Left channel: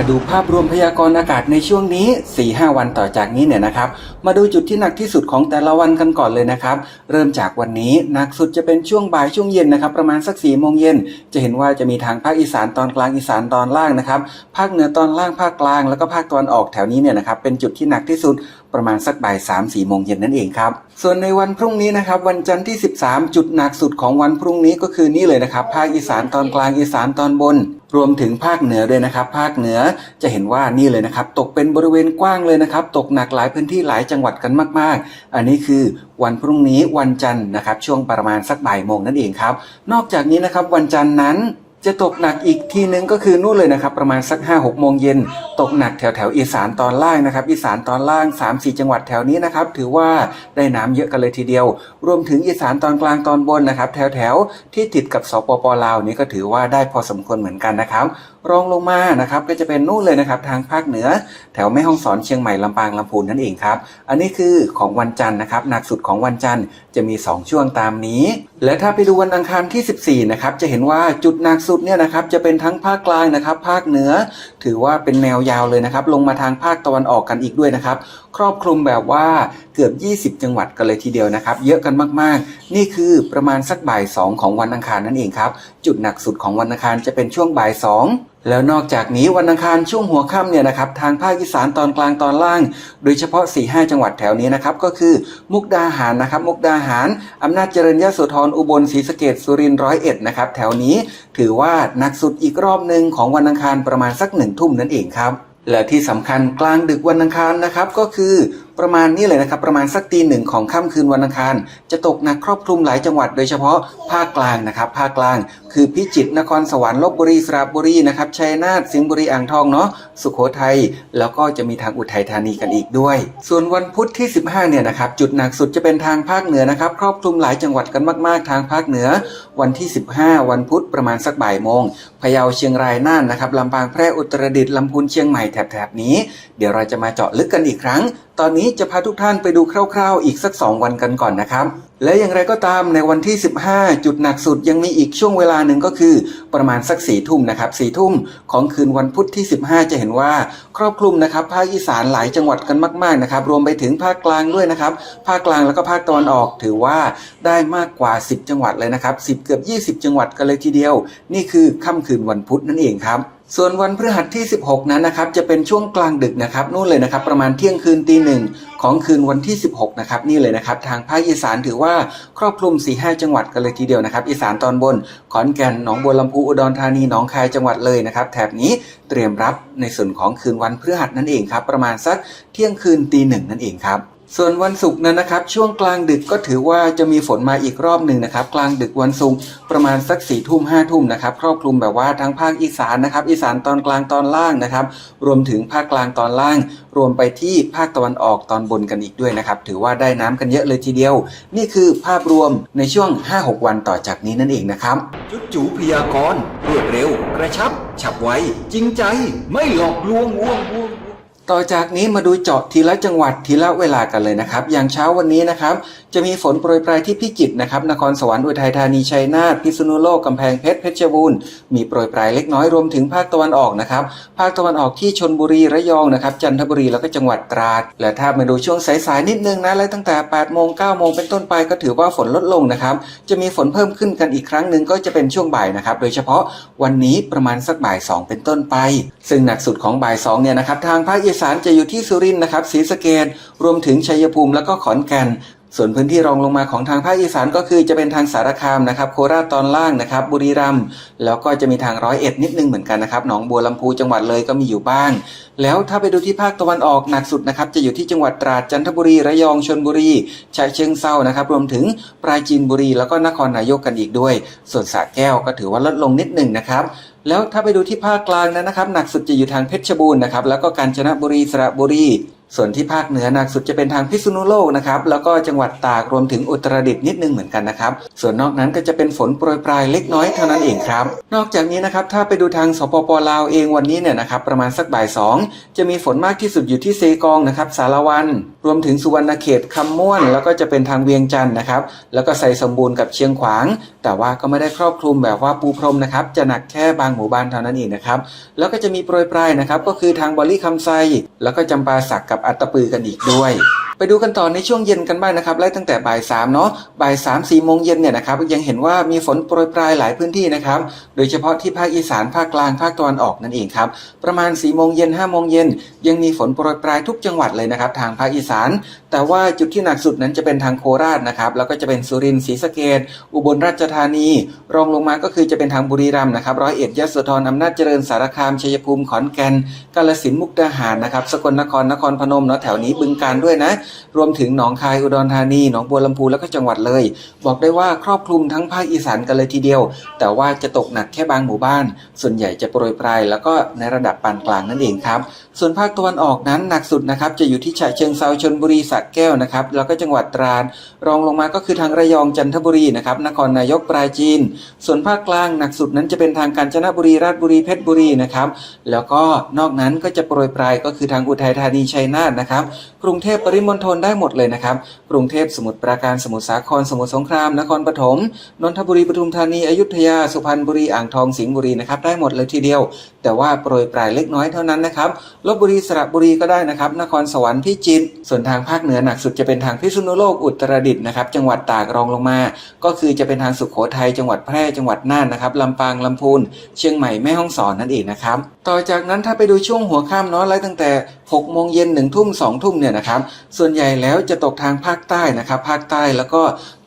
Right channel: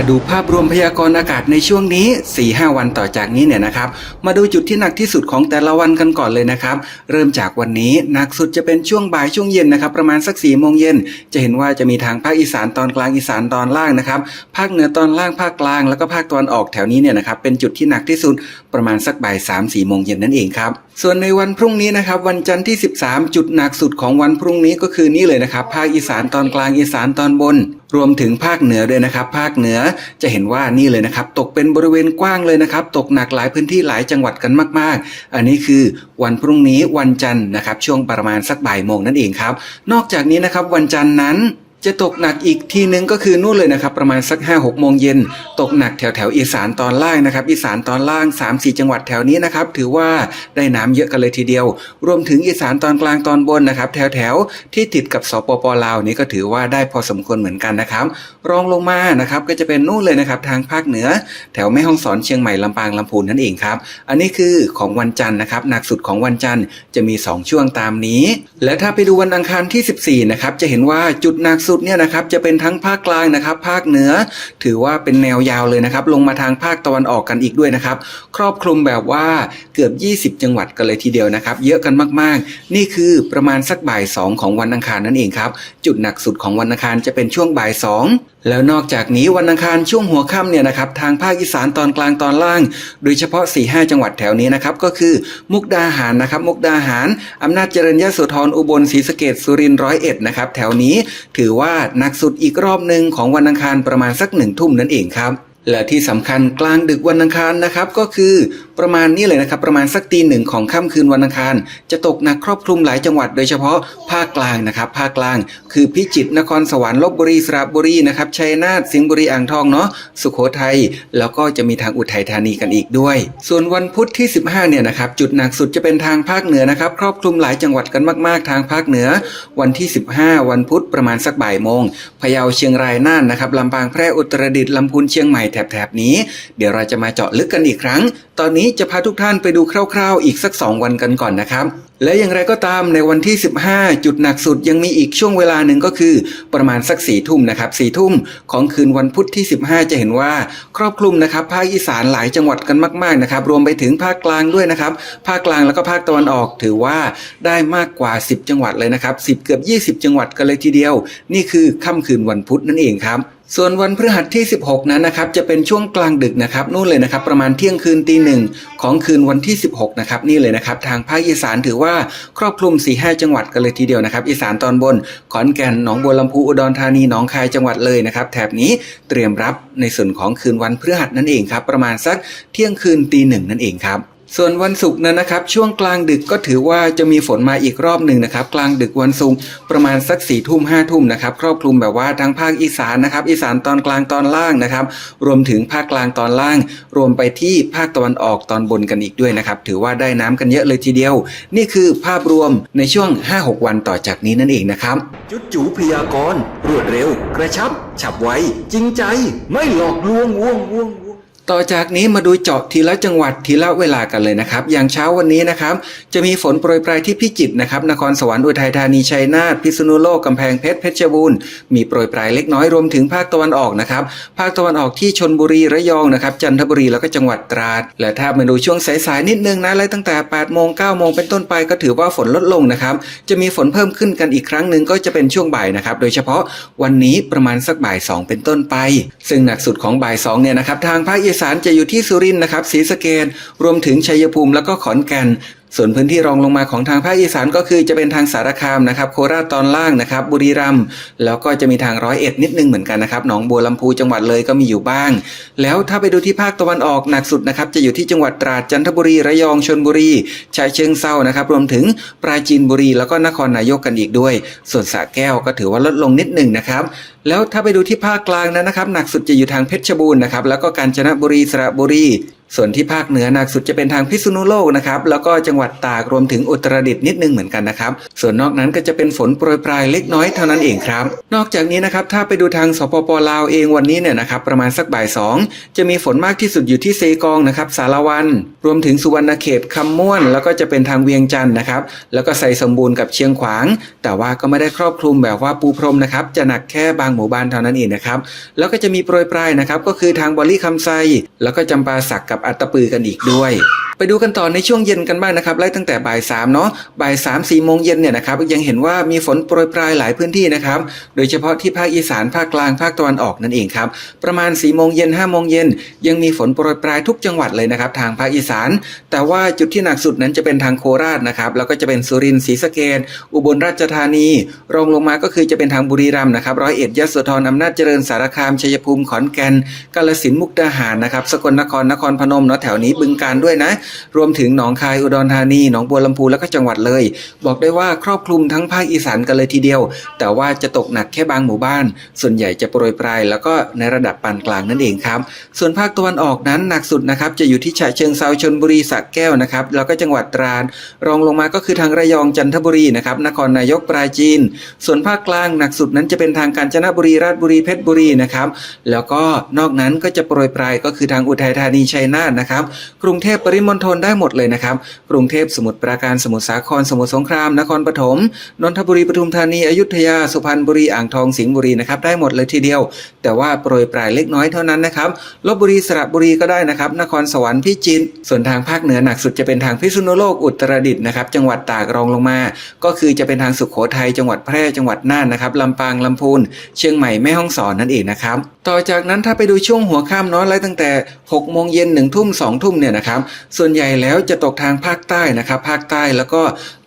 มาดูภาพรวมพยากรณ์อากาศในช่วงนี้ 4-5 วันต่อจากนี้เนี่ยนะครับ มาดูจุดที่หนักที่สุดของแต่ละวันกันก่อนเลยนะครับ เริ่มจากวันนี้หนักสุดจะเป็นช่วงบ่ายช่วงเย็นนะครับ ประมาณสัก4ี่โมงเย็นจะเห็นว่าจะมีทางภาคอีสานตอนกลางอีสานตอนล่างนะครับ ภาคเหนือตอนล่างภาคกลางแล้วก็ภาคตะวันออกแถวนี้เนี่ยนะครับเป็นจุดที่หนักที่สุดประมาณสักบ่าย3ามสี่โมงเย็นนั่นเองครับ ส่วนในวันพรุ่งนี้นะครับวันจันทร์ที่ 13 จุดหนักสุดของวันพรุ่งนี้ก็คือนี่เลยนะครับ ภาคอีสานตอนกลางอีสานตอนบน รวมถึงภาคเหนือด้วยนะครับ ภาคเหนือจะเห็นว่านี่เลยนะครับ ตกเป็นบริเวณกว้างเลยนะครับ ตกหนักหลายพื้นที่หลายจังหวัดกันมาก ๆ อันนี้คือวันพรุ่งนี้วันจันทร์นะครับ ช่วงประมาณสักบ่ายโมงนั่นเองครับ นอกจากนี้นะครับวันจันทร์นั้น จะตกหนักอีกทีนึงก็คือนู่นเลยนะครับ ประมาณสัก 5 6 โมงเย็น ตกหนักแถวแถวอีสานตอนล่างนะครับ อีสานตอนล่าง 3 4 จังหวัดแถวนี้นะครับ ถือว่าได้น้ำเยอะกันเลยทีเดียว รวมถึงอีสานตอนกลางตอนบนนะครับ แถวแถวที่ติดกับสปปลาวนี้ก็ถือว่าได้พอสมควรเหมือนกันนะครับ รองลงมานะครับก็จะเป็นนู่นเลยนะครับ ทางภาคเหนือ แถวแม่ฮ่องสอนเชียงใหม่ลำปางลำพูนนั่นเองครับอันนี้คือของวันจันทร์นะครับหนักสุดของวันจันทร์จะมี 2 ช่วงตามนี้ และถ้าไปดูวันอังคารที่ 14นะครับจะเห็นว่าจุดหนักสุดเนี่ยนะครับจะเป็นทั้งภาคกลางนะครับ ภาคเหนือ ถือว่าเป็นแนวยาวเลยนะครับ ลงมาทางภาคตะวันออกกันอีกด้วยนะครับ ครอบคลุมแบบว่าเกือบ 20 จังหวัดกันเลยทีเดียวนะครับ เยอะกันมากๆ นี่คือประมาณสักบ่าย 2 ของวันอังคารนั่นเองครับ จุดหนักสุดของวันอังคารจะเป็นช่วงบ่าย 2แล้วนอกจากนี้วันอังคารช่วงหัวค่ำเนี่ยนะครับทางภาคอีสานตอนกลางตอนล่าง โดยเฉพาะ 4-5 จังหวัดแถวนี้นะครับก็คือมุกดาหารนะครับมุกดาหารอำนาจเจริญยโสธรอุบลศรีสะเกดสุรินทร์ร้อยเอ็ดนะครับแถวนี้ถือว่าหนักสุดอีกรอบหนึ่งของวันอังคารประมาณสักหนึ่งทุ่มนั่นเองครับและที่สำคัญกลางดึกวันอังคารนะครับก็คือ ประมาณนี้เลยนะครับประมาณสักตีหนึ่งของค่ำคืนวันอังคาร จะตกหนักครอบคลุมหลายจังหวัดโดยเฉพาะภาคกลางนะครับภาคกลาง คือพิจิตรนครสวรรค์ลบบุรีสระบุรีนะครับชัยนาทสิงห์บุรีอ่างทองเนาะสุโขทัยแล้วก็จะมีทางอุทัยธานีกันอีกด้วย ส่วนวันพุธที่ 15เนี่ยนะครับจุดหนักสุดจะเป็นทางภาคเหนือนะครับครอบคลุมหลายจังหวัดกันมากๆ ทางภาคเหนือ วันที่ 15 วันพุธประมาณสักบ่ายโมงพะเยาเชียงรายน่านนะครับลำปางแพร่อุตรดิตถ์ลำพูนเชียงใหม่แถบๆนี้ เดี๋ยวเราจะมาเจาะลึกกันอีกครั้ง ตอนนี้จะพาทุกท่านไปดูคร่าวๆ อีกสัก 2 วันกันก่อนนะครับ และอย่างไรก็ตามในวันที่ 15 จุดหนักสุดยังมีอีกช่วงเวลาหนึ่งก็คือ ประมาณสักสี่ทุ่มนะครับสี่ทุ่มของคืนวันพุธที่ 15 จะเห็นว่า ครอบคลุมนะครับภาคอีสานหลายจังหวัดกันมากๆนะครับรวมไปถึงภาคกลางด้วยนะครับภาคกลางแล้วก็ภาคตะวันออกถือว่าได้มากกว่า 10 จังหวัดเลยนะครับ10 เกือบ 20 จังหวัดกันเลยทีเดียว นี่คือค่ำคืนวันพุธนั่นเองครับ ส่วนวันพฤหัสที่ 16 นั้นนะครับจะเป็นช่วงกลางดึกนะครับนู่นเลยนะครับประมาณเที่ยงคืนตีหนึ่งของคืนวันที่ 16 นะครับนี่เลยนะครับทางภาคอีสานถือว่าครอบคลุม 4-5 จังหวัดกันเลยทีเดียวนะครับอีสานตอนบนขอนแก่นหนองบัวลำพูอุดรธานีหนองคายจังหวัดเลยนะครับแถบนี้เตรียมรับในส่วนของคืนวันพฤหัสนั่นเองครับประมาณสักเที่ยงคืนตีหนึ่งนั่นเองครับ ส่วนวันศุกร์นั้นนะครับ ช่วงกลางดึกก็ถือว่าจะมีฝนมาอีกรอบหนึ่งนะครับ กลางดึกวันศุกร์ประมาณสักสี่ทุ่มห้าทุ่มนะครับครอบคลุมแบบว่าทั้งภาคอีสานนะครับ อีสานตอนกลางตอนล่างนะครับ รวมถึงภาคกลางตอนล่าง รวมไปที่ภาคตะวันออกตอนบนกันอีกด้วยนะครับ ถือว่าได้น้ำกันเยอะเลยทีเดียว นี่คือภาพรวมในช่วง 5-6 วันต่อจากนี้นั่นเองนะครับ จุดจูพยากรณ์รวดเร็ว กระชับ ฉับไวจริงใจ ไม่หลอกลวงว่วงว่วง ต่อจากนี้มาดูเจาะทีละจังหวัดทีละเวลากันเลยนะครับ อย่างเช้าวันนี้นะครับ จะมีฝนโปรยปลายที่พิจิตรนะครับ นครสวรรค์อุทัยธานีชัยนาทพิษณุโลกกำแพงเพชรเพชรบูรณ์มีโปรยปลายเล็กน้อยรวมถึงภาคตะวันออกนะครับ ภาคตะวันออกที่ชนบุรีระยองนะครับ จันทบุรีแล้วก็จังหวัดตราด และถ้ามาดูช่วงสายๆนิดนึงนะไล่ตั้งแต่8โมง9โมงเป็นต้นไปก็ถือว่าฝนลดลงนะครับ จะมีฝนเพิ่มขึ้นกันอีกครั้งหนึ่งก็จะเป็นช่วงบ่ายนะครับ โดยเฉพาะวันนี้ประมาณสักบ่ายสองเป็นต้นไป ซึ่งหนักสุดของบ่ายสองเนี่ยนะครับทางภาคอีสสานจะอยู่ที่สุรินทร์นะครับศรีสะเกดรวมถึงชัยภูมิแล้วก็ขอนแก่น ส่วนพื้นที่รองลงมาของทางภาคอีสานก็คือจะเป็นทางสารคามนะครับโคราชตอนล่างนะครับ บุรีรัมย์แล้วก็จะมีทางร้อยเอ็ดนิดนึงเหมือนกันนะครับหนองบัวลำพูจังหวัดเลยก็มีอยู่บ้าง แล้วถ้าไปดูที่ภาคตะวันออกหนักสุดนะครับจะอยู่ที่จังหวัดตราดจันทบุรีระยองชลบุรีฉะเชิงเซานะครับ รวมถึงปราจีนบุรีแล้วก็นครนายกกันอีกด้วย ส่วนสระแก้วก็ถือว่าลดลงนิดหนึ่งนะครับแล้วถ้าไปดูที่ภาคกลางนั้นนะครับหนักสุดจะอยู่ทางเพชรบูรณ์นะครับแล้วก็กาญจนบุรีสระบุรี ส่วนที่ภาคเหนือหนักสุดจะเป็นทางพิษณุโลกนะครับแล้วก็จังหวัดตากรวมถึงอุตรดิตถ์นิดนึงเหมือนกันนะครับ ส่วนนอกนั้นก็จะเป็นฝนโปรยปลายเล็กน้อยเท่านั้นเองครับ นอกจากนี้นะครับถ้าไปดูทางสปปลาวเองวันนี้เนี่ยนะครับประมาณสักบ่ายสองจะมีฝนมากที่สุดอยู่ที่เซกองนะครับสารวัน รวมถึงสุวรรณเขตคำม่วน แล้วก็จะเป็นทางเวียงจันทร์นะครับแล้วก็ใส่สมบูรณ์กับเชียงขวาง แต่ว่าก็ไม่ได้ครอบคลุมแบบว่าปูพรมนะครับจะหนักแค่บางหมู่บ้านเท่านั้นเองนะครับแล้วก็จะมีโปรยปลายนะครับก็คือทางบอลลี่คำไซแล้วก็จำปาสักกับอัตปือกันอีกด้วยไปดูกันต่อในช่วงเย็นกันบ้างนะครับไล่ตั้งแต่บ่ายสามเนาะบ่ายสามสี่โมงเย็นเนี่ยนะครับยังเห็นว่ามีฝนโปรยปลายหลายพื้นที่นะครับโดยเฉพาะที่ภาคอีสานภาคกลางภาคตะวันออกนั่นเองครับประมาณ4ี่โมงเย็นห้าโมงเย็นยังมีฝนโปรยปลายทุกจังหวัดเลยนะครับทางภาคอีสาน แต่ว่าจุดที่หนักสุดนั้นจะเป็นทางโคราชนะครับแล้วก็จะเป็นสุรินทร์ศรีสะเกดอุบลราชธานี รองลงมาก็คือจะเป็นทางบุรีรัมย์นะครับร้อยเอ็ดยโสธรอำนาจเจริญสารคามชัยภูมิขอนแก่นกาฬสินธุ์มุกดาหารนะครับสกลนครนครพนมเนาะแถวนี้บึงการด้วยนะ รวมถึงหนองคายอุดรธานีหนองบัวลำพูแล้วก็จังหวัดเลย บอกได้ว่าครอบคลุมทั้งภาคอีสานกันเลยทีเดียว แต่ว่าจะตกหนักแค่บางหมู่บ้าน ส่วนใหญ่จะโปรยปลายแล้วก็ในระดับปานกลางนั่นเองครับ ส่วนภาคตะวันออกนั้นหนักสุดนะครับจะอยู่ที่ฉะเชิงเซาชนบุรีสระแก้วนะครับแล้วก็จังหวัดตราดรองลงมาก็คือทางระยองจันทบุรีนะครับนครนายกปราจีน ส่วนภาคกลางหนักสุดนั้นจะเป็นทางกาญจนบุรีราชบุรีเพชรบุรีนะครับแล้วก็นอกนั้นก็จะโปรยปลายก็คือทางอุทัยธานีชัยนาทนะครับ กรุงเทพปริมณฑลได้หมดเลยนะครับ กรุงเทพสมุทรปราการสมุทรสาครสมุทรสงครามนครปฐมนนทบุรีปทุมธานีอยุธยาสุพรรณบุรีอ่างทองสิงห์บุรีนะครับได้หมดเลยทีเดียว แต่ว่าโปรยปลายเล็กน้อยเท่านั้นนะครับลบบุรีสระบุรีก็ได้นะครับ นครสวรรค์พิจิตรส่วนทางภาคเหนือหนักสุดจะเป็นทางพิษณุโลกอุตรดิตถ์นะครับ จังหวัดตากรองลงมา ก็คือจะเป็นทางสุขโขทัยจังหวัดแพร่จังหวัดน่านนะครับลำปางลำพูนเชียงใหม่แม่ฮ่องสอนนั่นเองนะครับต่อจากนั้นถ้าไปดูช่วงหัวค่ำเนาะไล่ตั้งแต่6โมงเย็น1ทุ่ม2ทุ่มเนี่ยนะครับส่วนใหญ่แล้วจะตกทางภาคใต้นะครับภาคใต้แล้วก็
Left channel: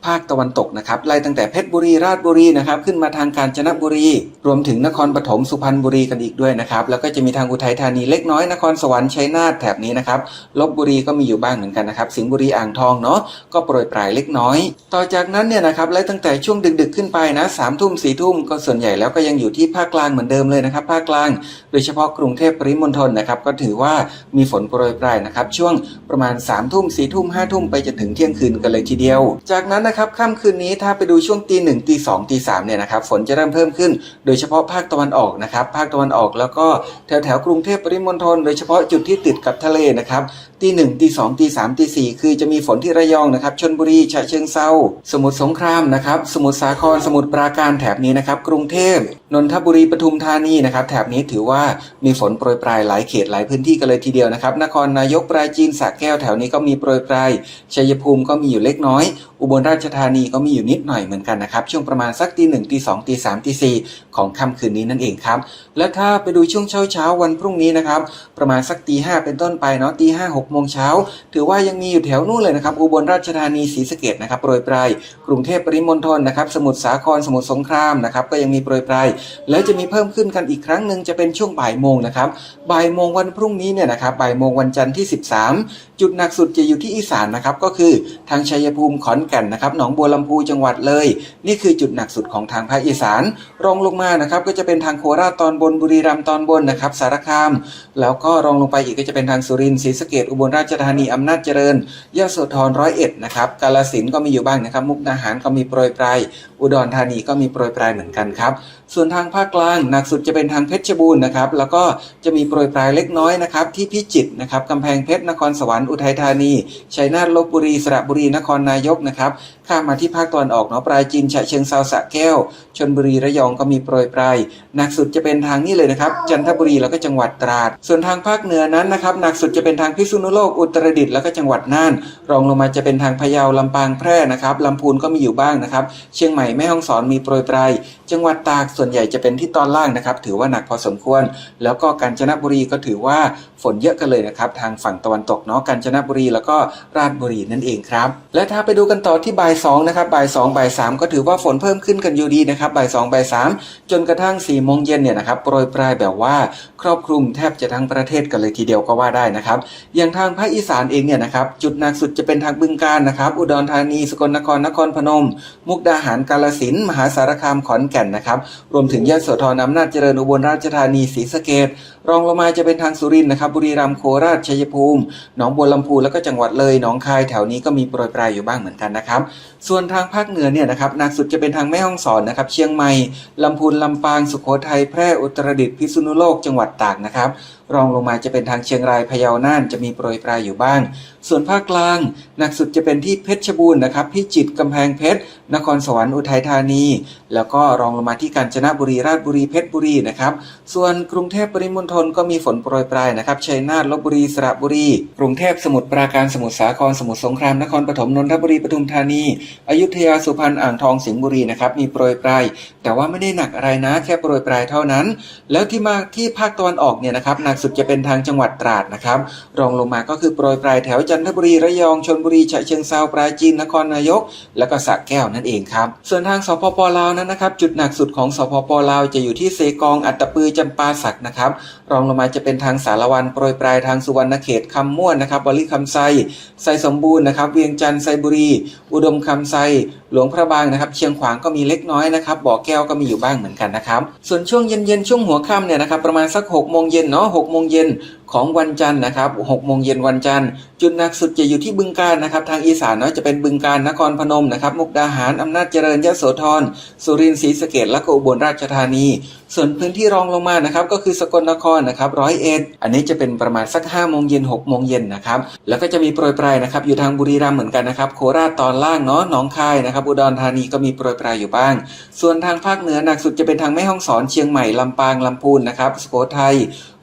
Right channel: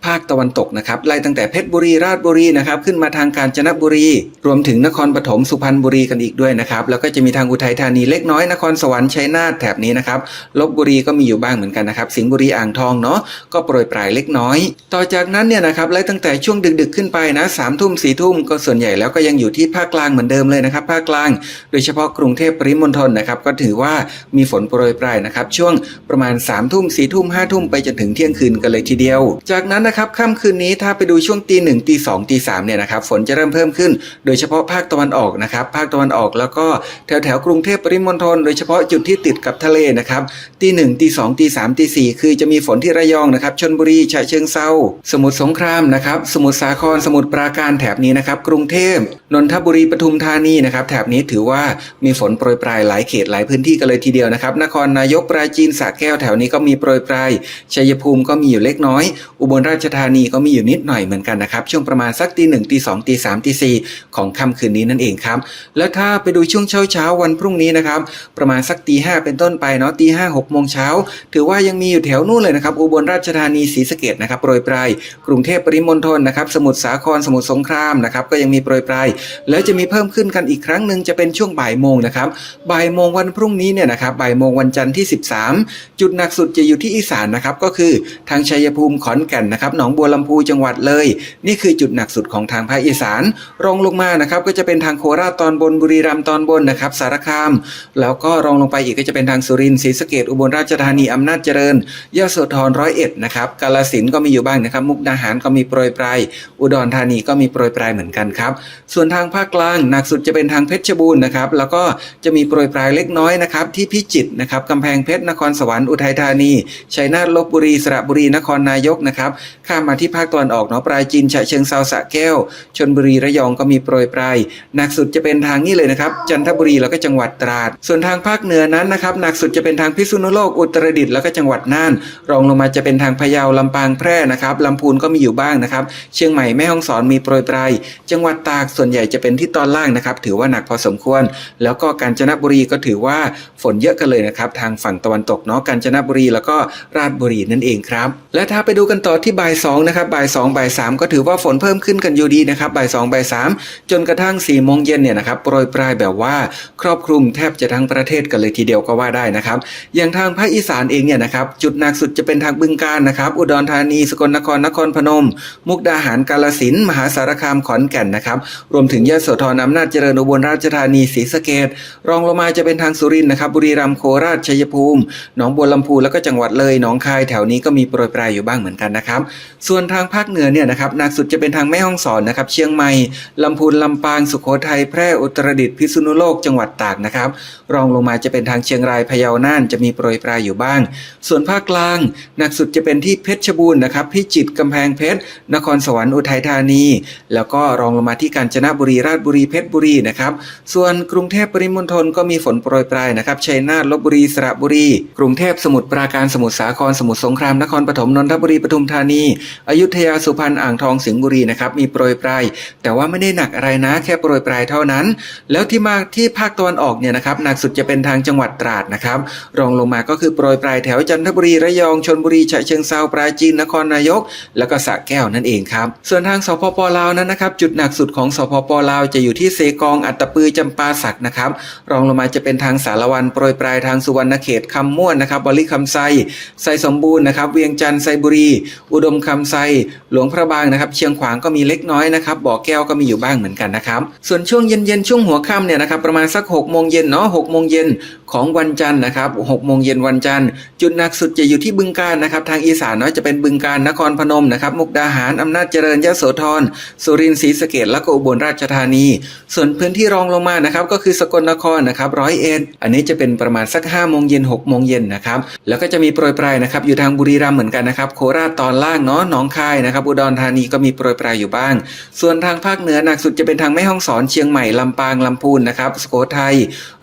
ภาคตะวันตกนะครับไล่ตั้งแต่เพชรบุรีราชบุรีนะครับขึ้นมาทางกาญจนบุรี รวมถึงนครปฐมสุพรรณบุรีกันอีกด้วยนะครับแล้วก็จะมีทางอุทัยธานีเล็กน้อยนครสวรรค์ชัยนาทแถบนี้นะครับลบบุรีก็มีอยู่บ้างเหมือนกันนะครับสิงห์บุรีอ่างทองเนาะก็โปรยปลายเล็กน้อย ต่อจากนั้นเนี่ยนะครับไล่ตั้งแต่ช่วงดึกๆขึ้นไปนะสามทุ่มสี่ทุ่มก็ส่วนใหญ่แล้วก็ยังอยู่ที่ภาคกลางเหมือนเดิมเลยนะครับภาคกลาง โดยเฉพาะกรุงเทพปริมณฑลนะครับก็ถือว่ามีฝนโปรยปลายนะครับช่วงประมาณ3ามทุ่มสี่ทุ่มห้าทุ่มไปจนถึงเที่ยงคืนกันเลยทีเดียว จากนั้นนะครับค่ำคืนนี้ถ้าไปดูช่วงตีหนึ่งตีสองตีสามเนี่ยนะครับฝนจะเริ่มเพิ่มขึ้น โดยเฉพาะภาคตะวันออกนะครับภาคตะวันออกแล้วก็แถวแถวๆกรุงเทพปริมณฑลโดยเฉพาะจุดที่ติดกับทะเลนะครับตีหนึ่งตีสองตีสามตีสี่คือจะมีฝนที่ระยองนะครับชนบุรีฉะเชิงเซาสมุทรสงครามนะครับสมุทรสาครสมุทรปราการแถบนี้นะครับกรุงเทพนนทบุรีปทุมธานีนะครับแถบนี้ถือว่ามีฝนโปรยปลายหลายเขตหลายพื้นที่กันเลยทีเดียวนะครับนครนายกปราจีนสระแก้วแถวนี้ก็มีโปรยปลายชัยภูมิก็มีอยู่เล็กน้อย อุบลราชธานีก็มีอยู่นิดหน่อยเหมือนกันนะครับ ช่วงประมาณสักตีหนึ่งตีสองตีสามตีสี่ของค่ำคืนนี้นั่นเองครับ แล้วถ้าไปดูช่วงเช้าเช้าวันพรุ่งนี้นะครับ ประมาณสักตีห้าเป็นต้นไปเนาะตีห้าหกโมงเช้าถือว่ายังมีอยู่แถวนู่นเลยนะครับ อุบลราชธานีศรีสะเกดนะครับโปรยปลายกรุงเทพปริมณฑลนะครับ สมุทรสาครสมุทรสงครามนะครับก็ยังมีโปรยปลายแล้วจะมีเพิ่มขึ้นกันอีกครั้งหนึ่งจะเป็นช่วงบ่ายโมงนะครับบ่ายโมงวันพรุ่งนี้เนี่ยนะครับบ่ายโมงวันจันทร์ที่ 13 จุดหนักสุดจะอยู่ที่อีสานนะครับก็คือทางชัยภูมิขอนแก่นนะครับหนองบัวลำพูจังหวัดเลย นี่คือจุดหนักสุดของทางภาคอีสาน รองลงมานะครับก็จะเป็นทางโคราชตอนบนบุรีรัมย์ตอนบนนะครับสารคาม แล้วก็รองลงไปอีกก็จะเป็นทางสุรินทร์ศรีสะเกดอุบลราชธานีอำนาจเจริญยโสธรร้อยเอ็ดนะครับกาฬสินก็มีอยู่บ้างนะครับ มุกดาหารก็มีโปรยปลายอุดรธานีก็มีโปรยปลายเหมือนกันครับส่วนทางภาคกลางหนักสุดจะเป็นทางเพชรบูรณ์นะครับแล้วก็จะมีโปรยปลายเล็กน้อยนะครับที่พิจิตรนะครับกำแพงเพชรนครสวรรค์อุทัยธานีชัยนาทลบบุรีสระบุรีนครนายกนะครับข้ามมาที่ภาคตะวันออกเนาะปลายจีนฉะเชิงเซาสะแก้วชนบุรีระยองก็มีโปรยปลายหนักสุดจะเป็นทางนี้เลยนะครับจันทบุรีแล้วก็จังหวัดตราด ส่วนทางภาคเหนือนั้นนะครับหนักสุดจะเป็นทางพิษณุโลกอุตรดิตถ์แล้วก็จังหวัดน่าน รองลงมาจะเป็นทางพะเยาลำปางแพร่นะครับลำพูนก็มีอยู่บ้างนะครับเชียงใหม่แม่ฮ่องสอนมีโปรยปลายจังหวัดตากส่วนใหญ่จะเป็นที่ตอนล่างนะครับถือว่าหนักพอสมควร แล้วก็กาญจนบุรีก็ถือว่าฝนเยอะกันเลยนะครับทางฝั่งตะวันตกเนาะกาญจนบุรีแล้วก็ราชบุรีนั่นเองครับ และถ้าไปดูกันต่อที่บ่ายสองนะครับบ่ายสองบ่ายสามก็ถือว่าฝนเพิ่มขึ้นกันอยู่ดีนะครับบ่ายสองบ่ายสามจนกระทั่ง4ี่โมงเย็นเนี่ยนะครับโปรยปลายแบบว่าครอบคลุมแทบจะทั้งประเทศกันเลยทีเดียวก็ว่าได้นะครับอย่างทางภาคอีสานเองเนี่ยนะครับจุดหนักสุดจะเป็นทางบึงกาฬนะครับอุดรธานีสกลนครนครพนม มุกดาหารกาลสินมหาสารคามขอนแก่นนะครับรวมถึงยะโสธรอำนาจเจริญอุบลราชธานีศรีสะเกดรองลงมาจะเป็นทางสุรินทร์นะครับบุรีรัมย์โคราชชัยภูมิ หนองบัวลำพูแล้วก็จังหวัดเลยหนองคายแถวนี้ก็มีโปรยปลายอยู่บ้างเหมือนกันนะครับ ส่วนทางภาคเหนือเนี่ยนะครับหนักสุดจะเป็นทางแม่ฮ่องสอนนะครับ เชียงใหม่ลำพูนลำปางสุโขทัยแพร่อุตรดิตถ์พิษณุโลกจังหวัดตากนะครับ รองลงมาจะเป็นทางเชียงรายพะเยาน่านจะมีโปรยปลายอยู่บ้าง ส่วนภาคกลางหนักสุดจะเป็นที่เพชรบูรณ์นะครับพิจิตรกำแพงเพชรนครสวรรค์อุทัยธานี แล้วก็รองลงมาที่กาญจนบุรีราชบุรีเพชรบุรีนะครับส่วนกรุงเทพปริมณฑลก็มีฝนโปรยปลายนะครับชัยนาทลบบุรีสระบุรี กรุงเทพสมุทรปราการสมุทรสาครสมุทรสงครามนครปฐมนนทบุรีปทุมธานีอยุธยาสุพรรณอ่างทองสิงห์บุรีนะครับมีโปรยปลาย แต่ว่าไม่ได้หนักอะไรนะแค่โปรยปลายเท่านั้น แล้วที่มาที่ภาคตะวันออกเนี่ยนะครับหนักสุดจะเป็นทางจังหวัดตราดนะครับรองลงมาก็คือโปรยปลายแถวจันทบุรีระยองชนบุรีฉะเชิงเซาปราจีนนครนายก แล้วก็สระแก้วนั่นเองครับส่วนทางสปปลาวนั้นนะครับจุดหนักสุดของสปปลาวจะอยู่ที่เซกองอัตตปือจำปาสักนะครับรองลงมาจะเป็นทางสารวันโปรยปลายทางสุวรรณเขตคำม่วนนะครับบริคำไซไซสมบูรณ์นะครับเวียงจันทร์ไซบุรี อุดมคำไซหลวงพระบางนะครับ เชียงขวางก็มีเล็กน้อยนะครับบ่อแก้วก็มีอยู่บ้างเหมือนกันนะครับ ส่วนช่วงเย็นๆช่วงหัวค่ำเนี่ยนะครับประมาณสัก6โมงเย็นเนาะหกโมงเย็น ของวันจันทร์นะครับ6โมงเย็นวันจันทร์ จุดหนักสุดจะอยู่ที่บึงการนะครับทางอีสานเนาะจะเป็นบึงการนครพนมนะครับมุกดาหารอำนาจเจริญยโสธรสุรินทร์ศรีสะเกดและก็อุบลราชธานี ส่วนพื้นที่รองลงมานะครับก็คือสกลนครนะครับร้อยเอ็ดอันนี้จะเป็นประมาณสัก5โมงเย็น6โมงเย็นนะครับแล้วก็จะมีโปรยปลายนะครับอยู่ทางบุรีรัมย์เหมือนกันนะครับโคราชตอนล่างเนาะหนองคายนะครับอุดรธานีก็มีโปรยปลายอยู่บ้าง ส่วนทางภาคเหนือหนักสุดจะเป็นทางแม่ฮ่องสอนเชียงใหม่ลำปางลำพูนนะครับสุโขทัย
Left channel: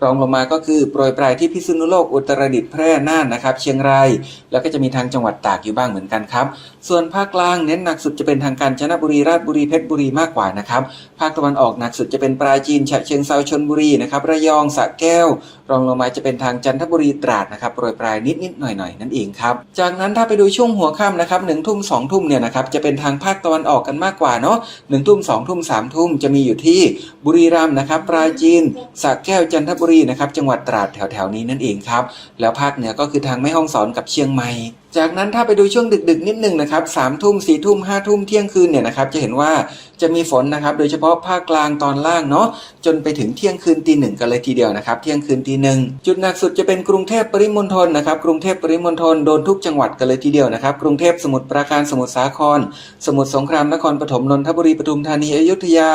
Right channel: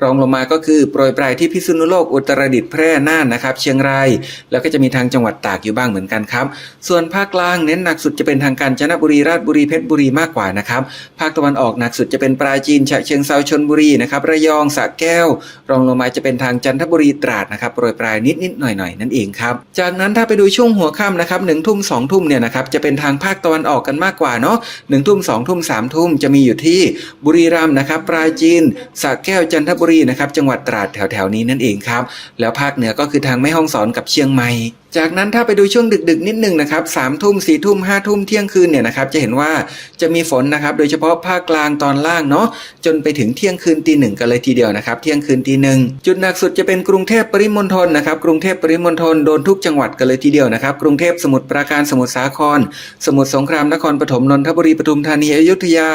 รองลงมาก็คือโปรยปลายที่พิษณุโลกอุตรดิตถ์แพร่น่านนะครับ เชียงราย แล้วก็จะมีทางจังหวัดตากอยู่บ้างเหมือนกันครับ ส่วนภาคกลางเน้นหนักสุดจะเป็นทางกาญจนบุรีราชบุรีเพชรบุรีมากกว่านะครับ ภาคตะวันออกหนักสุดจะเป็นปราจีนฉะเชิงเซาชนบุรีนะครับระยองสระแก้ว รองลงมาจะเป็นทางจันทบุรีตราดนะครับโปรยปลายนิดนิดหน่อยหน่อยนั่นเองครับ จากนั้นถ้าไปดูช่วงหัวค่ำนะครับหนึ่งทุ่มสองทุ่มเนี่ยนะครับจะเป็นทางภาคตะวันออกกันมากกว่าเนาะหนึ่งทุ่มสองทุ่มสามทุ่มจะมีอยู่ที่บุรีรัมย์นะครับปราจีนสระแก้วจันทบุรีนะครับจังหวัดตราดแถวๆนี้นั่นเองครับ แล้วภาคเหนือก็คือทางแม่ฮ่องสอนกับเชียงใหม่ จากนั้นถ้าไปดูช่วงดึกๆ นิดหนึ่งนะครับสามทุ่มสี่ทุ่มห้าทุ่มเที่ยงคืนเนี่ยนะครับจะเห็นว่าจะมีฝนนะครับ โดยเฉพาะภาคกลางตอนล่างเนาะจนไปถึงเที่ยงคืนตีหนึ่งกันเลยทีเดียวนะครับ เที่ยงคืนตีหนึ่งจุดหนักสุดจะเป็นกรุงเทพปริมณฑลนะครับ กรุงเทพปริมณฑลโดนทุกจังหวัดกันเลยทีเดียวนะครับ กรุงเทพสมุทรปราการสมุทรสาคร สมุทรสงครามนครปฐมนนทบุรีปทุมธานีอยุธยา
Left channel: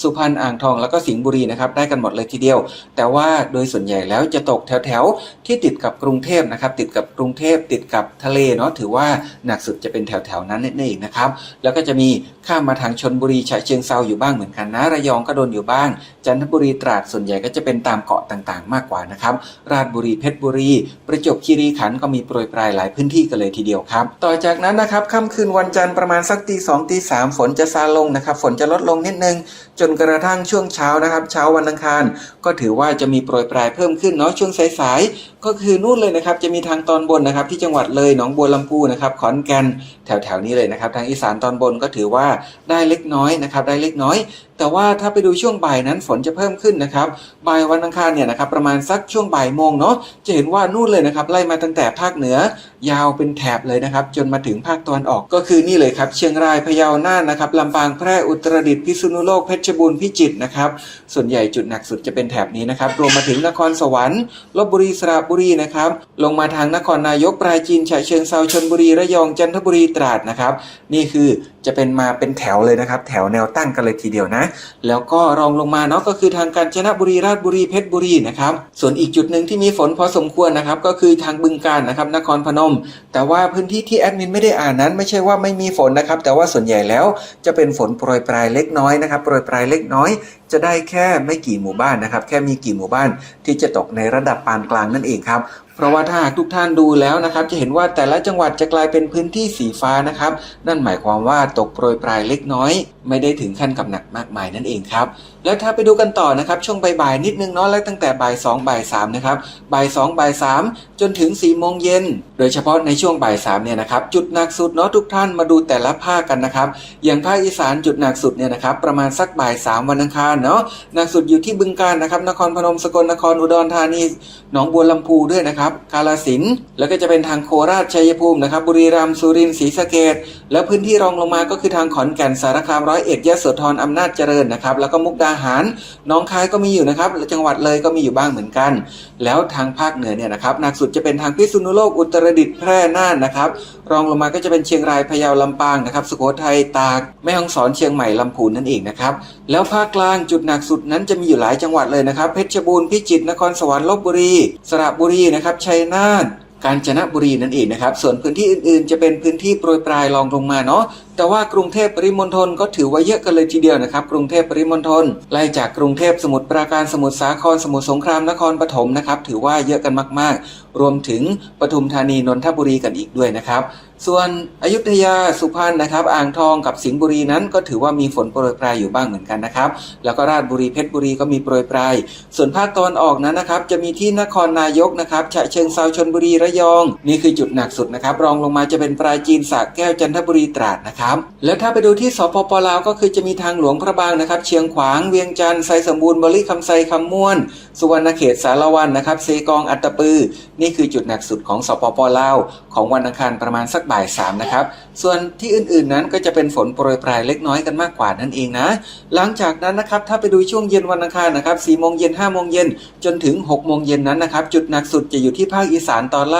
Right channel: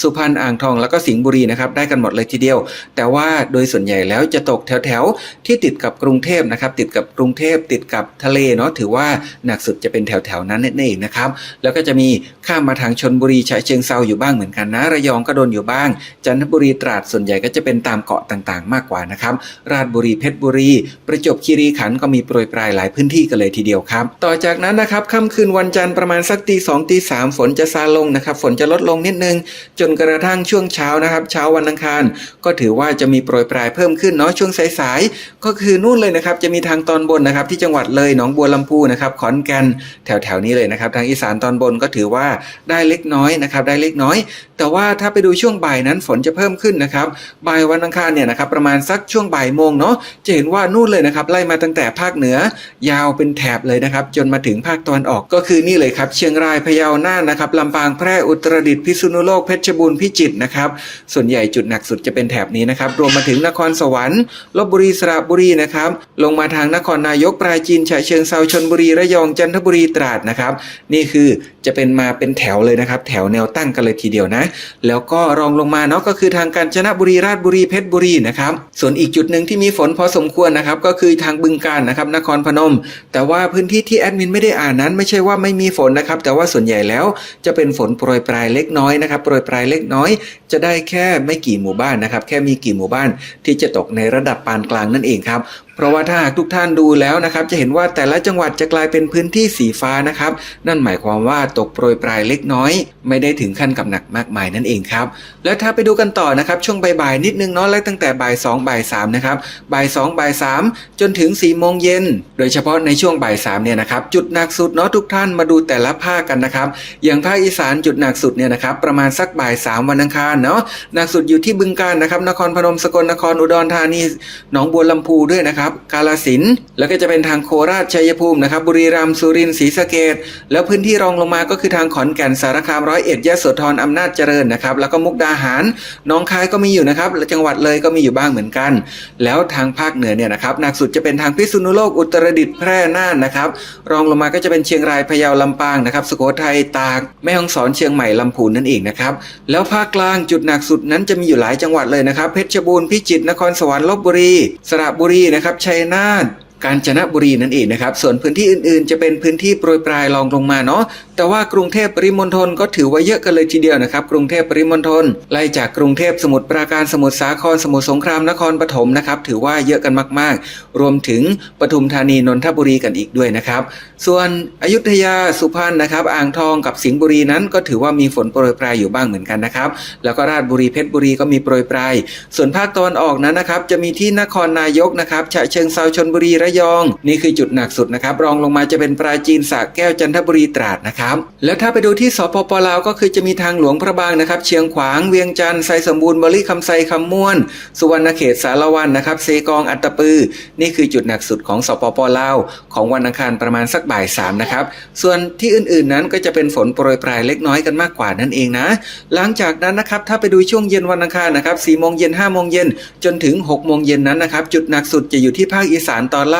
สุพรรณอ่างทองแล้วก็สิงห์บุรีนะครับได้กันหมดเลยทีเดียว แต่ว่าโดยส่วนใหญ่แล้วจะตกแถวๆที่ติดกับกรุงเทพนะครับติดกับกรุงเทพติดกับทะเลเนาะถือว่าหนักสุดจะเป็นแถวๆนั้นนั่นเองนะครับ แล้วก็จะมีข้ามมาทางชนบุรีฉะเชิงเซาอยู่บ้างเหมือนกันนะระยองก็โดนอยู่บ้าง จันทบุรีตราดส่วนใหญ่ก็จะเป็นตามเกาะต่างๆ มากกว่านะครับ ราชบุรีเพชรบุรี ประจวบคีรีขันธ์ก็มีโปรยปลายหลายพื้นที่กันเลยทีเดียวครับ ต่อจากนั้นนะครับค่ำคืนวันจันทร์ประมาณสักตีสองตีสามฝนจะซาลงนะครับ ฝนจะลดลงนิดนึง จนกระทั่งช่วงเช้านะครับ เช้าวันอังคาร ก็ถือว่าจะมีโปรยปลายเพิ่มขึ้นเนาะช่วงสายๆก็คือนู่นเลยนะครับจะมีทางตอนบนนะครับที่จังหวัดเลยหนองบัวลำพูนะครับขอนแก่นแถวๆนี้เลยนะครับทางอีสานตอนบนก็ถือว่าได้เล็กน้อยนะครับได้เล็กน้อย แต่ว่าถ้าไปดูช่วงบ่ายนั้นฝนจะเพิ่มขึ้นนะครับบ่ายวันอังคารเนี่ยนะครับประมาณสักช่วงบ่ายโมงเนาะจะเห็นว่านู่นเลยนะครับไล่มาตั้งแต่ภาคเหนือยาวเป็นแถบเลยนะครับจนมาถึงภาคตะวันออกก็คือนี่เลยครับเชียงรายพะเยาน่านนะครับลำปางแพร่อุตรดิตถ์พิษณุโลกเพชรบูรณ์พิจิตรนะครับส่วนใหญ่จุดหนักสุดจะเป็นแถบนี้นะครับรวมมาถึงนครสวรรค์ลบบุรีสระบุรีนะครับลงมาทางนครนายกปราจีนฉะเชิงเซาชนบุรีระยองจันทบุรีตราดนะครับ นี่คือจะเป็นมาเป็นแถวเลยนะครับ แถวแนวตั้งกันเลยทีเดียวนะ แล้วก็รองลงมาเนาะก็คือทางกาญจนบุรีราชบุรีเพชรบุรีนะครับส่วนอีกจุดหนึ่งที่มีฝนพอสมควรนะครับ ก็คือทางบึงการนะครับนครพนม แต่ว่าพื้นที่ที่แอดมินไม่ได้อ่านนั้นไม่ใช่ว่าไม่มีฝนนะครับ แต่ว่าส่วนใหญ่แล้วจะเป็นฝนโปรยปลายเล็กน้อยนะครับโปรยปลายเล็กน้อย จะได้แค่ไม่กี่หมู่บ้านนะครับ แค่มีกี่หมู่บ้านที่จะตกในระดับปานกลางนั่นเองครับ เพราะว่าถ้าหากทุกท่านดูแล้วนะครับ จะเห็นว่าแต่ละจังหวัดจะกลายเป็นพื้นที่สีฟ้านะครับ นั่นหมายความว่าตกโปรยปลายเล็กน้อย ไม่ได้ถึงขั้นกับหนักมากมายนั่นเองครับ แล้วถ้าไปดูกันต่อนะครับ ช่วงบ่ายๆนิดนึงเนาะและตั้งแต่บ่าย2บ่าย3นะครับบ่าย2บ่าย3จนถึง4โมงเย็นโดยเฉพาะในช่วงบ่าย3เนี่ยนะครับจุดหนักสุดเนาะทุกท่านมาดูแต่ละภาคกันนะครับ อย่างภาคอีสานจุดหนักสุดเนี่ยนะครับประมาณสักบ่าย3วันอังคารเนาะหนักสุดอยู่ที่บึงกาฬนะครับนครพนมสกลนครอุดรธานีหนองบัวลำพูด้วยนะครับกาฬสินแล้วก็จะเป็นทางโคราชชัยภูมินะครับ บุรีรัมย์สุรินทร์ศรีสะเกษแล้วพื้นที่รองลงมาก็คือทางขอนแก่นสารคามร้อยเอ็ดยะโสธรอำนาจเจริญนะครับ แล้วก็มุกดาหารหน้องคายก็มีอยู่นะครับและจังหวัดเลยก็มีอยู่บ้างเหมือนกัน แล้วทางภาคเหนือเนี่ยนะครับหนักสุดจะเป็นทางพิษณุโลกอุตรดิตถ์แพร่น่านนะครับ รองลงมาก็จะเป็นเชียงรายพะเยาลำปางนะครับสุโขทัยตากแม่ฮ่องสอนเชียงใหม่ลำพูนนั่นเองนะครับแล้วภาคกลางจุดหนักสุดนั้นจะมีอยู่หลายจังหวัดเลยนะครับเพชรบูรณ์พิจิตรนครสวรรค์ลบบุรี สระบุรีนะครับชัยนาท กาญจนบุรีนั่นเองนะครับ ส่วนพื้นที่อื่นๆ จะเป็นพื้นที่โปรยปลายรองลงมาเนาะ แต่ว่ากรุงเทพปริมณฑลก็ถือว่าเยอะกันเลยทีเดียวนะครับ กรุงเทพปริมณฑลไล่จากกรุงเทพสมุทรปราการสมุทรสาครสมุทรสงครามนครปฐมนะครับ ถือว่าเยอะกันมาก ๆ รวมถึงปทุมธานีนนทบุรีกันอีกด้วยนะครับ ส่วนอยุธยาสุพรรณนะครับ อ่างทองกับสิงห์บุรีนั้น ก็ถือว่ามีฝนโปรยปลายอยู่บ้างเหมือนกันนะครับ แล้วก็ราชบุรีเพชรบุรีก็มีโปรยปลาย ส่วนภาคตะวันออกนั้นนะครับ จะมีที่นครนายกนะครับฉะเชิงเซาชนบุรีระยอง นี่คือจุดหนักสุดนะครับ รองลงมาจะเป็นปราจีนสระแก้วจันทบุรีตราดนะครับ แล้วถ้าไปดูที่สปปลาวก็คือจะมีทางหลวงพระบางนะครับ เชียงขวางเวียงจันทร์ไซสมบูรณ์บริคำไซคำม่วน สุวรรณเขตสารวันนะครับเซกองอัตตปือ นี่คือจุดหนักสุดของสปปลาวของวันอังคารประมาณสักบ่ายสามนะครับ ส่วนที่อื่นๆนั้นก็จะเป็นฝนโปรยปลายเล็กน้อยกันมากกว่านั่นเองนะ หลังจากนั้นนะครับถ้าไปดูช่วงเย็นวันอังคารนะครับ4โมงเย็น5โมงเย็นจนถึง6โมงเย็นนั้นนะครับจุดหนักสุดจะอยู่ที่ภาคอีสานตอนล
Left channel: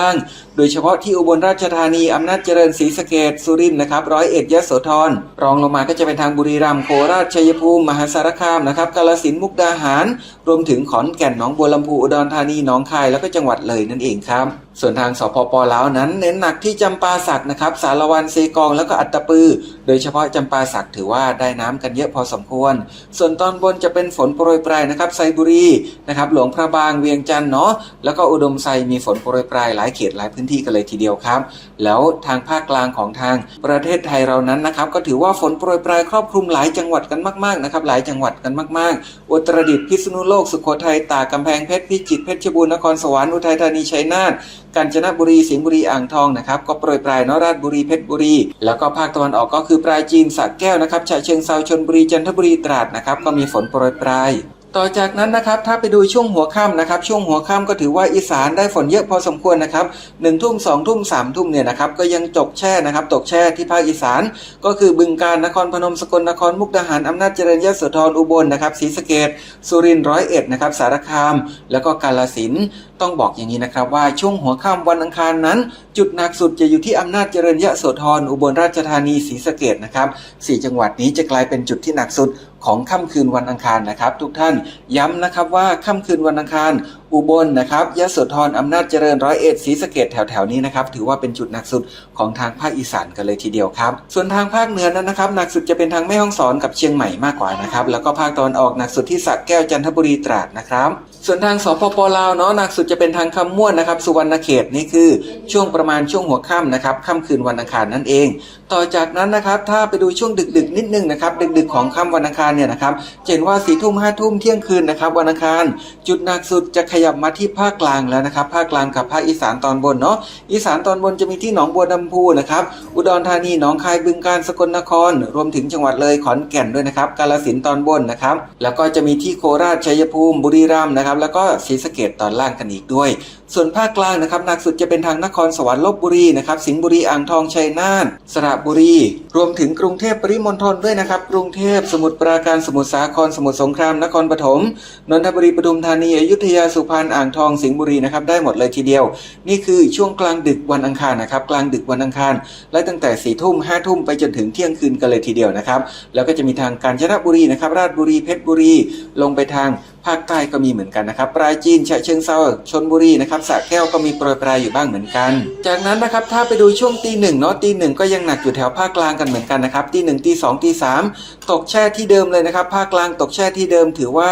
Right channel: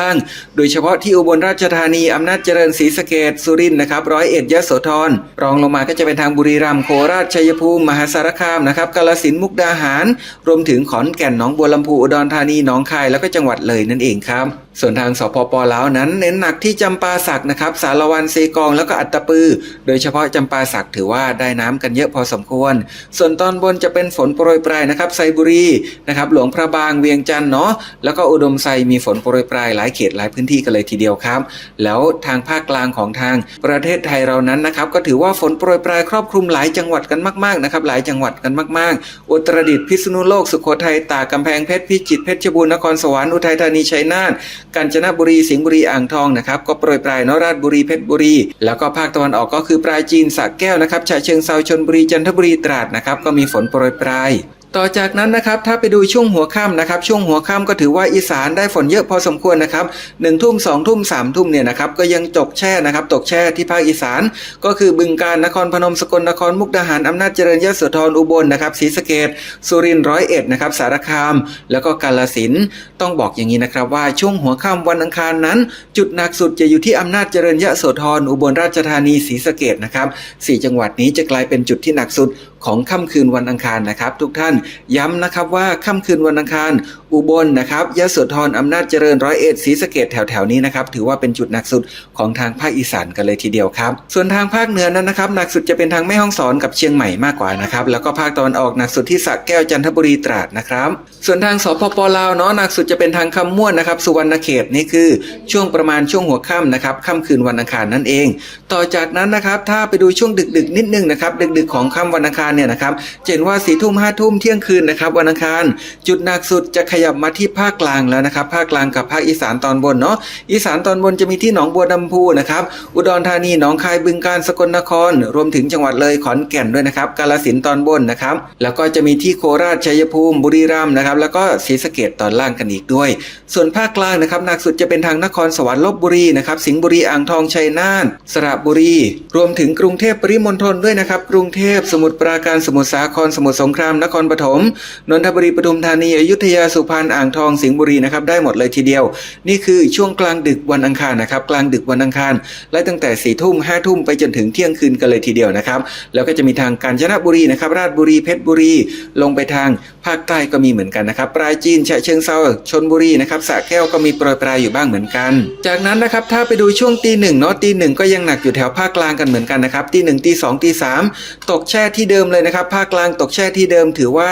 ่างโดยเฉพาะที่อุบลราชธานีอำนาจเจริญศรีสะเกดสุรินทร์นะครับร้อยเอ็ดยะโสธรรองลงมาก็จะเป็นทางบุรีรัมย์โคราชชัยภูมิมหาสารคามนะครับกาฬสินมุกดาหาร รวมถึงขอนแก่นหนองบัวลำพูอุดรธานีหนองคายแล้วก็จังหวัดเลยนั่นเองครับส่วนทางสปปลาวนั้นเน้นหนักที่จำปาสักนะครับสารวันเซกองแล้วก็อัตตปือ โดยเฉพาะจำปาสักถือว่าได้น้ำกันเยอะพอสมควร ส่วนตอนบนจะเป็นฝนโปรยปลายนะครับไซบุรีนะครับหลวงพระบางเวียงจันทร์เนาะแล้วก็อุดมไซมีฝนโปรยปลายหลายเขตหลายพื้นที่กันเลยทีเดียวครับ แล้วทางภาคกลางของทางประเทศไทยเรานั้นนะครับ ก็ถือว่าฝนโปรยปลายครอบคลุมหลายจังหวัดกันมากๆนะครับหลายจังหวัดกันมากๆ อุตรดิตถ์พิษณุโลกสุโขทัยตากกำแพงเพชรพิจิตรเพชรบูรณ์นครสวรรค์อุทัยธานีชัยนาทกาญจนบุรีสิงห์บุรีอ่างทองนะครับก็โปรยปลายนราชบุรีเพชรบุรี แล้วก็ภาคตะวันออกก็คือปราจีนสระแก้วนะครับฉะเชิงเซาชนบุรีจันทบุรีตราดนะครับก็มีฝนโปรยปลาย ต่อจากนั้นนะครับถ้าไปดูช่วงหัวค่ำนะครับช่วงหัวค่ำก็ถือว่าอีสานได้ฝนเยอะพอสมควรนะครับหนึ่งทุ่มสองทุ่มสามทุ่มเนี่ยนะครับก็ยังตกแช่นะครับตกแช่ที่ภาคอีสาน ก็คือบึงกาฬนครพนมสกลนครมุกดาหารอำนาจเจริญยโสธรอุบลนะครับศรีสะเกดสุรินทร์ร้อยเอ็ดนะครับสารคาม แล้วก็กาฬสินต้องบอกอย่างนี้นะครับว่าช่วงหัวค่ำวันอังคารนั้น จุดหนักสุดจะอยู่ที่อำนาจเจริญยโสธรอุบลราชธานีศรีสะเกดนะครับสี่จังหวัดนี้จะกลายเป็นจุดที่หนักสุด ของค่ำคืนวันอังคารนะครับ ทุกท่านย้ำนะครับว่าค่ำคืนวันอังคาร อุบลนะครับยะโสธรอำนาจเจริญร้อยเอ็ดศรีสะเกดแถวๆนี้นะครับถือว่าเป็นจุดหนักสุดของทางภาคอีสานกันเลยทีเดียวครับส่วนทางภาคเหนือนั้นนะครับหนักสุดจะเป็นทางแม่ฮ่องสอนกับเชียงใหม่มากกว่านะครับแล้วก็ภาคตะวันออกหนักสุดที่สระแก้วจันทบุรีตราดนะครับ ส่วนทางสปปลาวเนาะหนักสุดจะเป็นทางคำม่วนนะครับสุวรรณเขตนี่คือช่วงประมาณช่วงหัวค่ำนะครับค่ำคืนวันอังคารนั่นเอง ต่อจากนั้นนะครับถ้าไปดูช่วงดึกๆ นิดนึงนะครับดึกๆของค่ำวันอังคารเนี่ยนะครับเห็นว่าสี่ทุ่มห้าทุ่มเที่ยงคืนนะครับวันอังคารจุดหนักสุดจะขยับมาที่ภาคกลางแล้วนะครับภาคกลางกับภาคอีสานตอนบนเนาะอีสานตอนบนจะมีที่หนองบัวลำพูนะครับอุดรธานีหนองคายบึงกาฬสกลนคร รวมถึงจังหวัดเลยขอนแก่นด้วยนะครับกาฬสินธุ์ตอนบนนะครับแล้วก็จะมีที่โคราชชัยภูมิบุรีรัมย์นะครับแล้วก็ศรีสะเกดตอนล่างกันอีกด้วย ส่วนภาคกลางนะครับหนักสุดจะเป็นทางนครสวรรค์ลบบุรีนะครับสิงห์บุรีอ่างทองชัยนาทสระบุรี รวมถึงกรุงเทพปริมณฑลด้วยนะครับ กรุงเทพสมุทรปราการสมุทรสาครสมุทรสงครามนครปฐมนนทบุรีปทุมธานีอยุธยาสุพรรณอ่างทองสิงห์บุรีนะครับได้หมดเลยทีเดียว นี่คือช่วงกลางดึกวันอังคารนะครับกลางดึกวันอังคาร และตั้งแต่4ี่ทุ่มห้าทุ่มไปจนถึงเที่ยงคืนกันเลยทีเดียวนะครับแล้วก็จะมีทางกาญจนบุรีนะครับราชบุรีเพชรบุรี ลงไปทางภาคใต้ก็มีเหมือนกันนะครับปราจีนฉะเชิงเซาชนบุรีนะครับสระแก้วก็มีโปรยปลายอยู่บ้างเหมือนกัน จากนั้นนะครับถ้าไปดูช่วงตีหนึ่งเนาะตีหนึ่งก็ยังหนักอยู่แถวภาคกลางกันเหมือนกันนะครับทีหนึ่งทีสองตีสามตกแช่ที่เดิมเลยนะครับ ภาคกลางตกแช่ที่เดิมถือว่า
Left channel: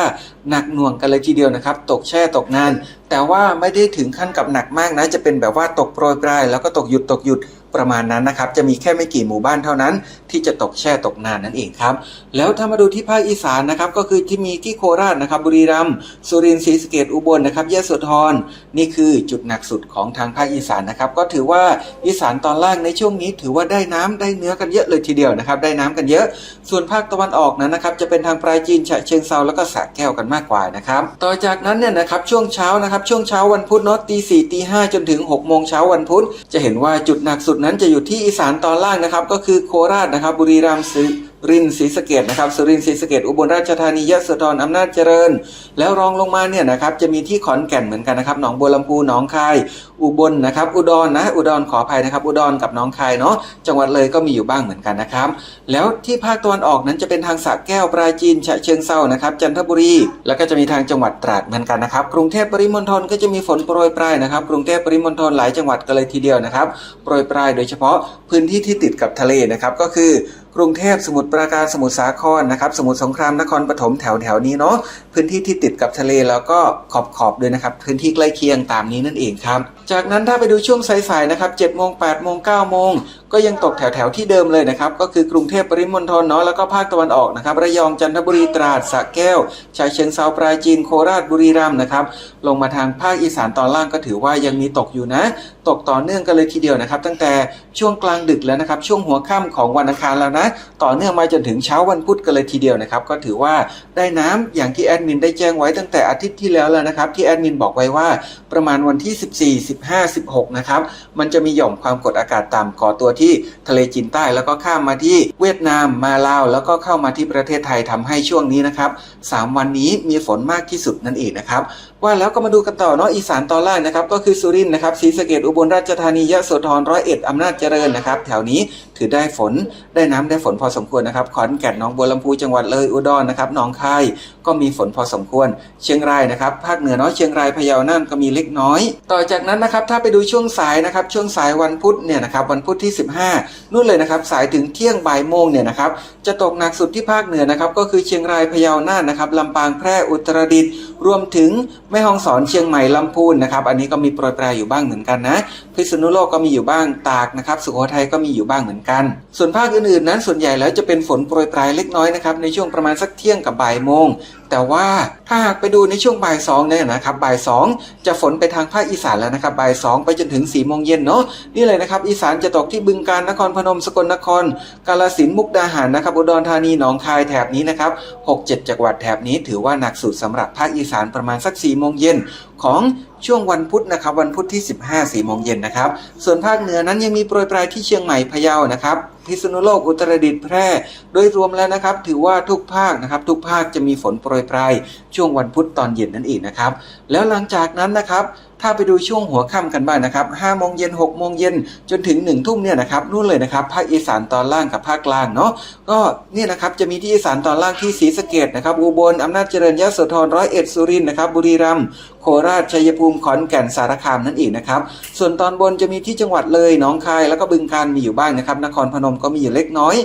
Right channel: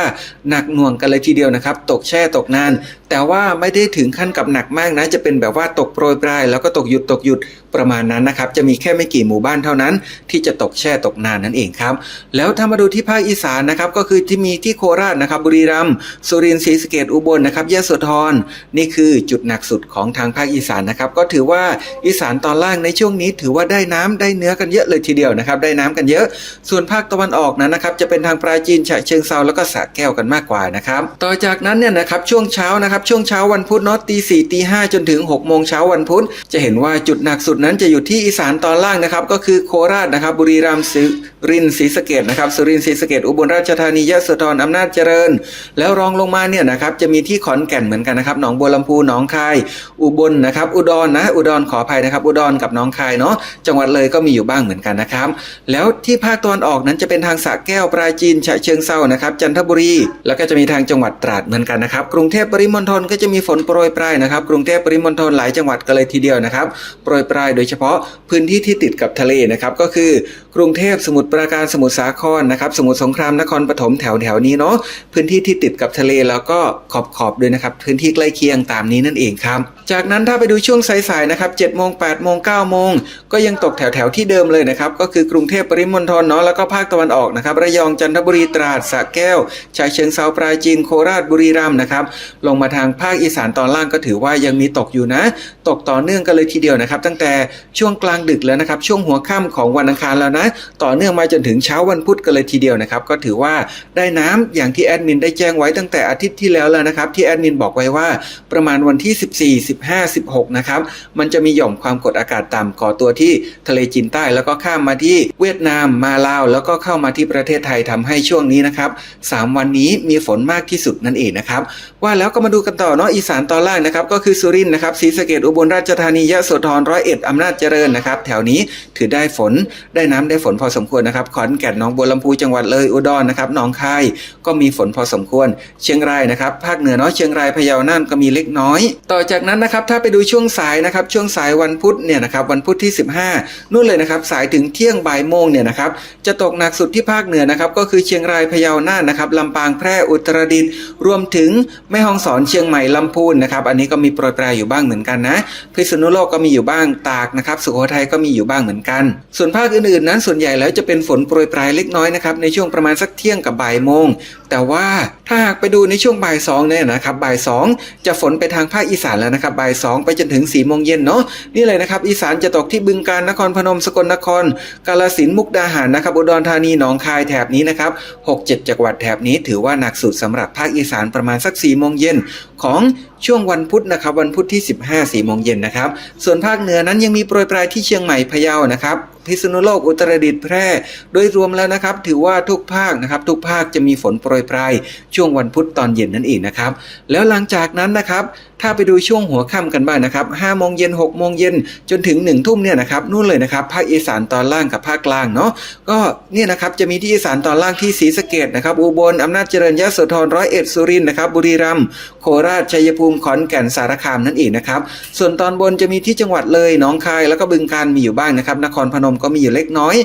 หนักหน่วงกันเลยทีเดียวนะครับ ตกแช่ตกนาน แต่ว่าไม่ได้ถึงขั้นกับหนักมากนะจะเป็นแบบว่าตกโปรยปลายแล้วก็ตกหยุดตกหยุดประมาณนั้นนะครับจะมีแค่ไม่กี่หมู่บ้านเท่านั้น ที่จะตกแช่ตกนานนั่นเองครับ แล้วถ้ามาดูที่ภาคอีสานนะครับก็คือที่มีที่โคราชนะครับบุรีรัมย์สุรินทร์ศรีสะเกษอุบลนะครับยะโสธรนี่คือจุดหนักสุดของทางภาคอีสานนะครับก็ถือว่าอีสานตอนล่างในช่วงนี้ ถือว่าได้น้ำได้เนื้อกันเยอะเลยทีเดียวนะครับได้น้ำกันเยอะ ส่วนภาคตะวันออกนั้นนะครับจะเป็นทางปราจีนฉะเชิงเซาแล้วก็สระแก้วกันมากกว่านะครับต่อจากนั้นเนี่ยนะครับช่วงเช้านะครับช่วงเช้าวันพุธเนาะตีสี่ตีห้าจนถึง6กโมงเช้าวันพุธจะเห็นว่าจุดหนักสุดนั้นจะอยู่ที่อีสานตอนล่างนะครับ ก็คือโคราชนะครับ บุรีรัมย์สุรินทร์ศรีสะเกดนะครับสุรินทร์ศรีสะเกดอุบลราชธานียะโสธรอำนาจเจริญ แล้วรองลงมาเนี่ยนะครับจะมีที่ขอนแก่นเหมือนกันนะครับหนองบัวลำพูหนองคาย อุบลนะครับ อุดรนะ อุดรขออภัยนะครับ อุดรกับหนองคายเนาะจังหวัดเลยก็มีอยู่บ้างเหมือนกันนะครับ แล้วที่ภาคตะวันออกนั้นจะเป็นทางสระแก้วปราจีนฉะเชิงเซานะครับ จันทบุรี แล้วก็จะมีทางจังหวัดตราดเหมือนกันนะครับ กรุงเทพปริมณฑลก็จะมีฝนโปรยปลายนะครับ กรุงเทพปริมณฑลหลายจังหวัดกันเลยทีเดียวนะครับโปรยปลายโดยเฉพาะพื้นที่ที่ติดกับทะเลนะครับก็คือกรุงเทพสมุทรปราการสมุทรสาครนะครับ สมุทรสงครามนครปฐมแถวแถวนี้เนาะพื้นที่ที่ติดกับทะเลแล้วก็ขอบขอบๆด้วยนะครับ พื้นที่ใกล้เคียงตามนี้นั่นเองครับ จากนั้นถ้าไปดูช่วงสายๆนะครับ7โมง8โมง9โมงก็ยังตกแถวแถวที่เดิมเลยนะครับ ก็คือกรุงเทพปริมณฑลเนาะแล้วก็ภาคตะวันออกนะครับระยองจันทบุรีตราดสระแก้วชายเชิงเซาปราจีนโคราชบุรีรัมย์นะครับลงมาทางภาคอีสานตอนล่างก็ถือว่ายังมีตกอยู่นะ ตกต่อเนื่องกันเลยทีเดียวนะครับ ตั้งแต่ช่วงกลางดึกแล้วนะครับ ช่วงหัวค่ำของวันอังคารแล้วนะต่อเนื่องมาจนถึงเช้าวันพุธกันเลยทีเดียวนะครับ ก็ถือว่าได้น้ำอย่างที่แอดมินได้แจ้งไว้ตั้งแต่อาทิตย์ที่แล้วแล้วนะครับ ที่แอดมินบอกไว้ว่าประมาณวันที่ 14 15 16 นะครับ มันจะมีหย่อมความกดอากาศต่ำก่อตัวที่ทะเลจีนใต้แล้วก็ข้ามมาที่เวียดนามมาลาว แล้วก็เข้ามาที่ประเทศไทยทำให้ช่วงนี้นะครับสามวันนี้มีฝนมากที่สุดนั่นเองนะครับ ว่าแล้วก็มาดูกันต่อเนาะอีสานตอนล่างนะครับก็คือสุรินทร์นะครับศรีสะเกดอุบลราชธานียะโสธรร้อยเอ็ดอำนาจเจริญนะครับ แถวนี้ถือได้ฝนได้น้ำได้ฝนพอสมควรนะครับขอนแก่นหนองบัวลำพูจังหวัดเลยอุดรนะครับหนองคายก็มีฝนพอสมควร เชียงรายนะครับ ภาคเหนือเนาะเชียงรายพะเยาน่านก็มีเล็กน้อย ต่อจากนั้นนะครับถ้าไปดูช่วงสายนะครับช่วงสายวันพุธเนี่ยนะครับวันพุธที่ 15นู่นเลยนะครับสายถึงเที่ยงบ่ายโมงเนี่ยนะครับจะตกหนักสุดที่ภาคเหนือนะครับก็คือเชียงรายพะเยาน่านนะครับลำปางแพร่อุตรดิตถ์รวมถึงแม่ฮ่องสอนเชียงใหม่ลำพูนนะครับอันนี้ก็มีโปรยปลายอยู่บ้างเหมือนกันนะพิษณุโลกก็มีอยู่บ้างตากนะครับสุโขทัยก็มีอยู่บ้างเหมือนกัน ส่วนภาคอื่นๆนั้นส่วนใหญ่แล้วจะเป็นฝนโปรยปลายเล็กน้อยนะครับในช่วงประมาณสักเที่ยงกับบ่ายโมง แต่ว่าถ้าหากไปดูในช่วงบ่ายสองเนี่ยนะครับบ่ายสองจะฝนไปทางภาคอีสานแล้วนะครับบ่ายสองไปจนถึง4ี่โมงเย็นเนาะนี่เลยนะครับอีสานจะตกที่บึงกาฬนครพนมสกลนคร กาฬสินมุกดาหารนะครับอุดรธานีหนองคายแถบนี้นะครับหกเจ็ดจังหวัดแถบนี้ถือว่าหนักสุดสำหรับภาคอีสานประมาณสัก4ี่โมงเย็น ของช่วงวันพุธนะครับวันพุธที่ 15สี่โมงเย็นนะครับ ส่วนภาคเหนือนั้นยังมีโปรยปลายที่เชียงใหม่พะเยานะครับพิษณุโลกอุตรดิตถ์แพร่ โดยรวมแล้วนะครับ ถือว่าทุกภาคนะครับทุกภาคจะมีฝนโปรยปลายช่วงวันพุธตอนเย็นนั่นเองนะครับแล้วหลังจากนั้นนะครับ ถ้าไปดูช่วงหัวค่ำกันบ้างนะครับ5โมงเย็น6โมงเย็นจนถึง1ทุ่มเนี่ยนะครับนู่นเลยนะครับภาคอีสานตอนล่างกับภาคกลางเนาะก็เนี่ยนะครับจะมีที่อีสานตอนล่างที่ศรีสะเกดนะครับอุบลอำนาจเจริญยะโสธรร้อยเอ็ดสุรินนะครับบุรีรัมย์โคราชชัยภูมิขอนแก่นสารคามนั่นเองนะครับส่วนตอนบนจะมีที่จังหวัดเลยหนองคายแล้วก็บึงกาฬมีอยู่บ้างนะครับนครพนมก็มีอยู่เล็กน้อย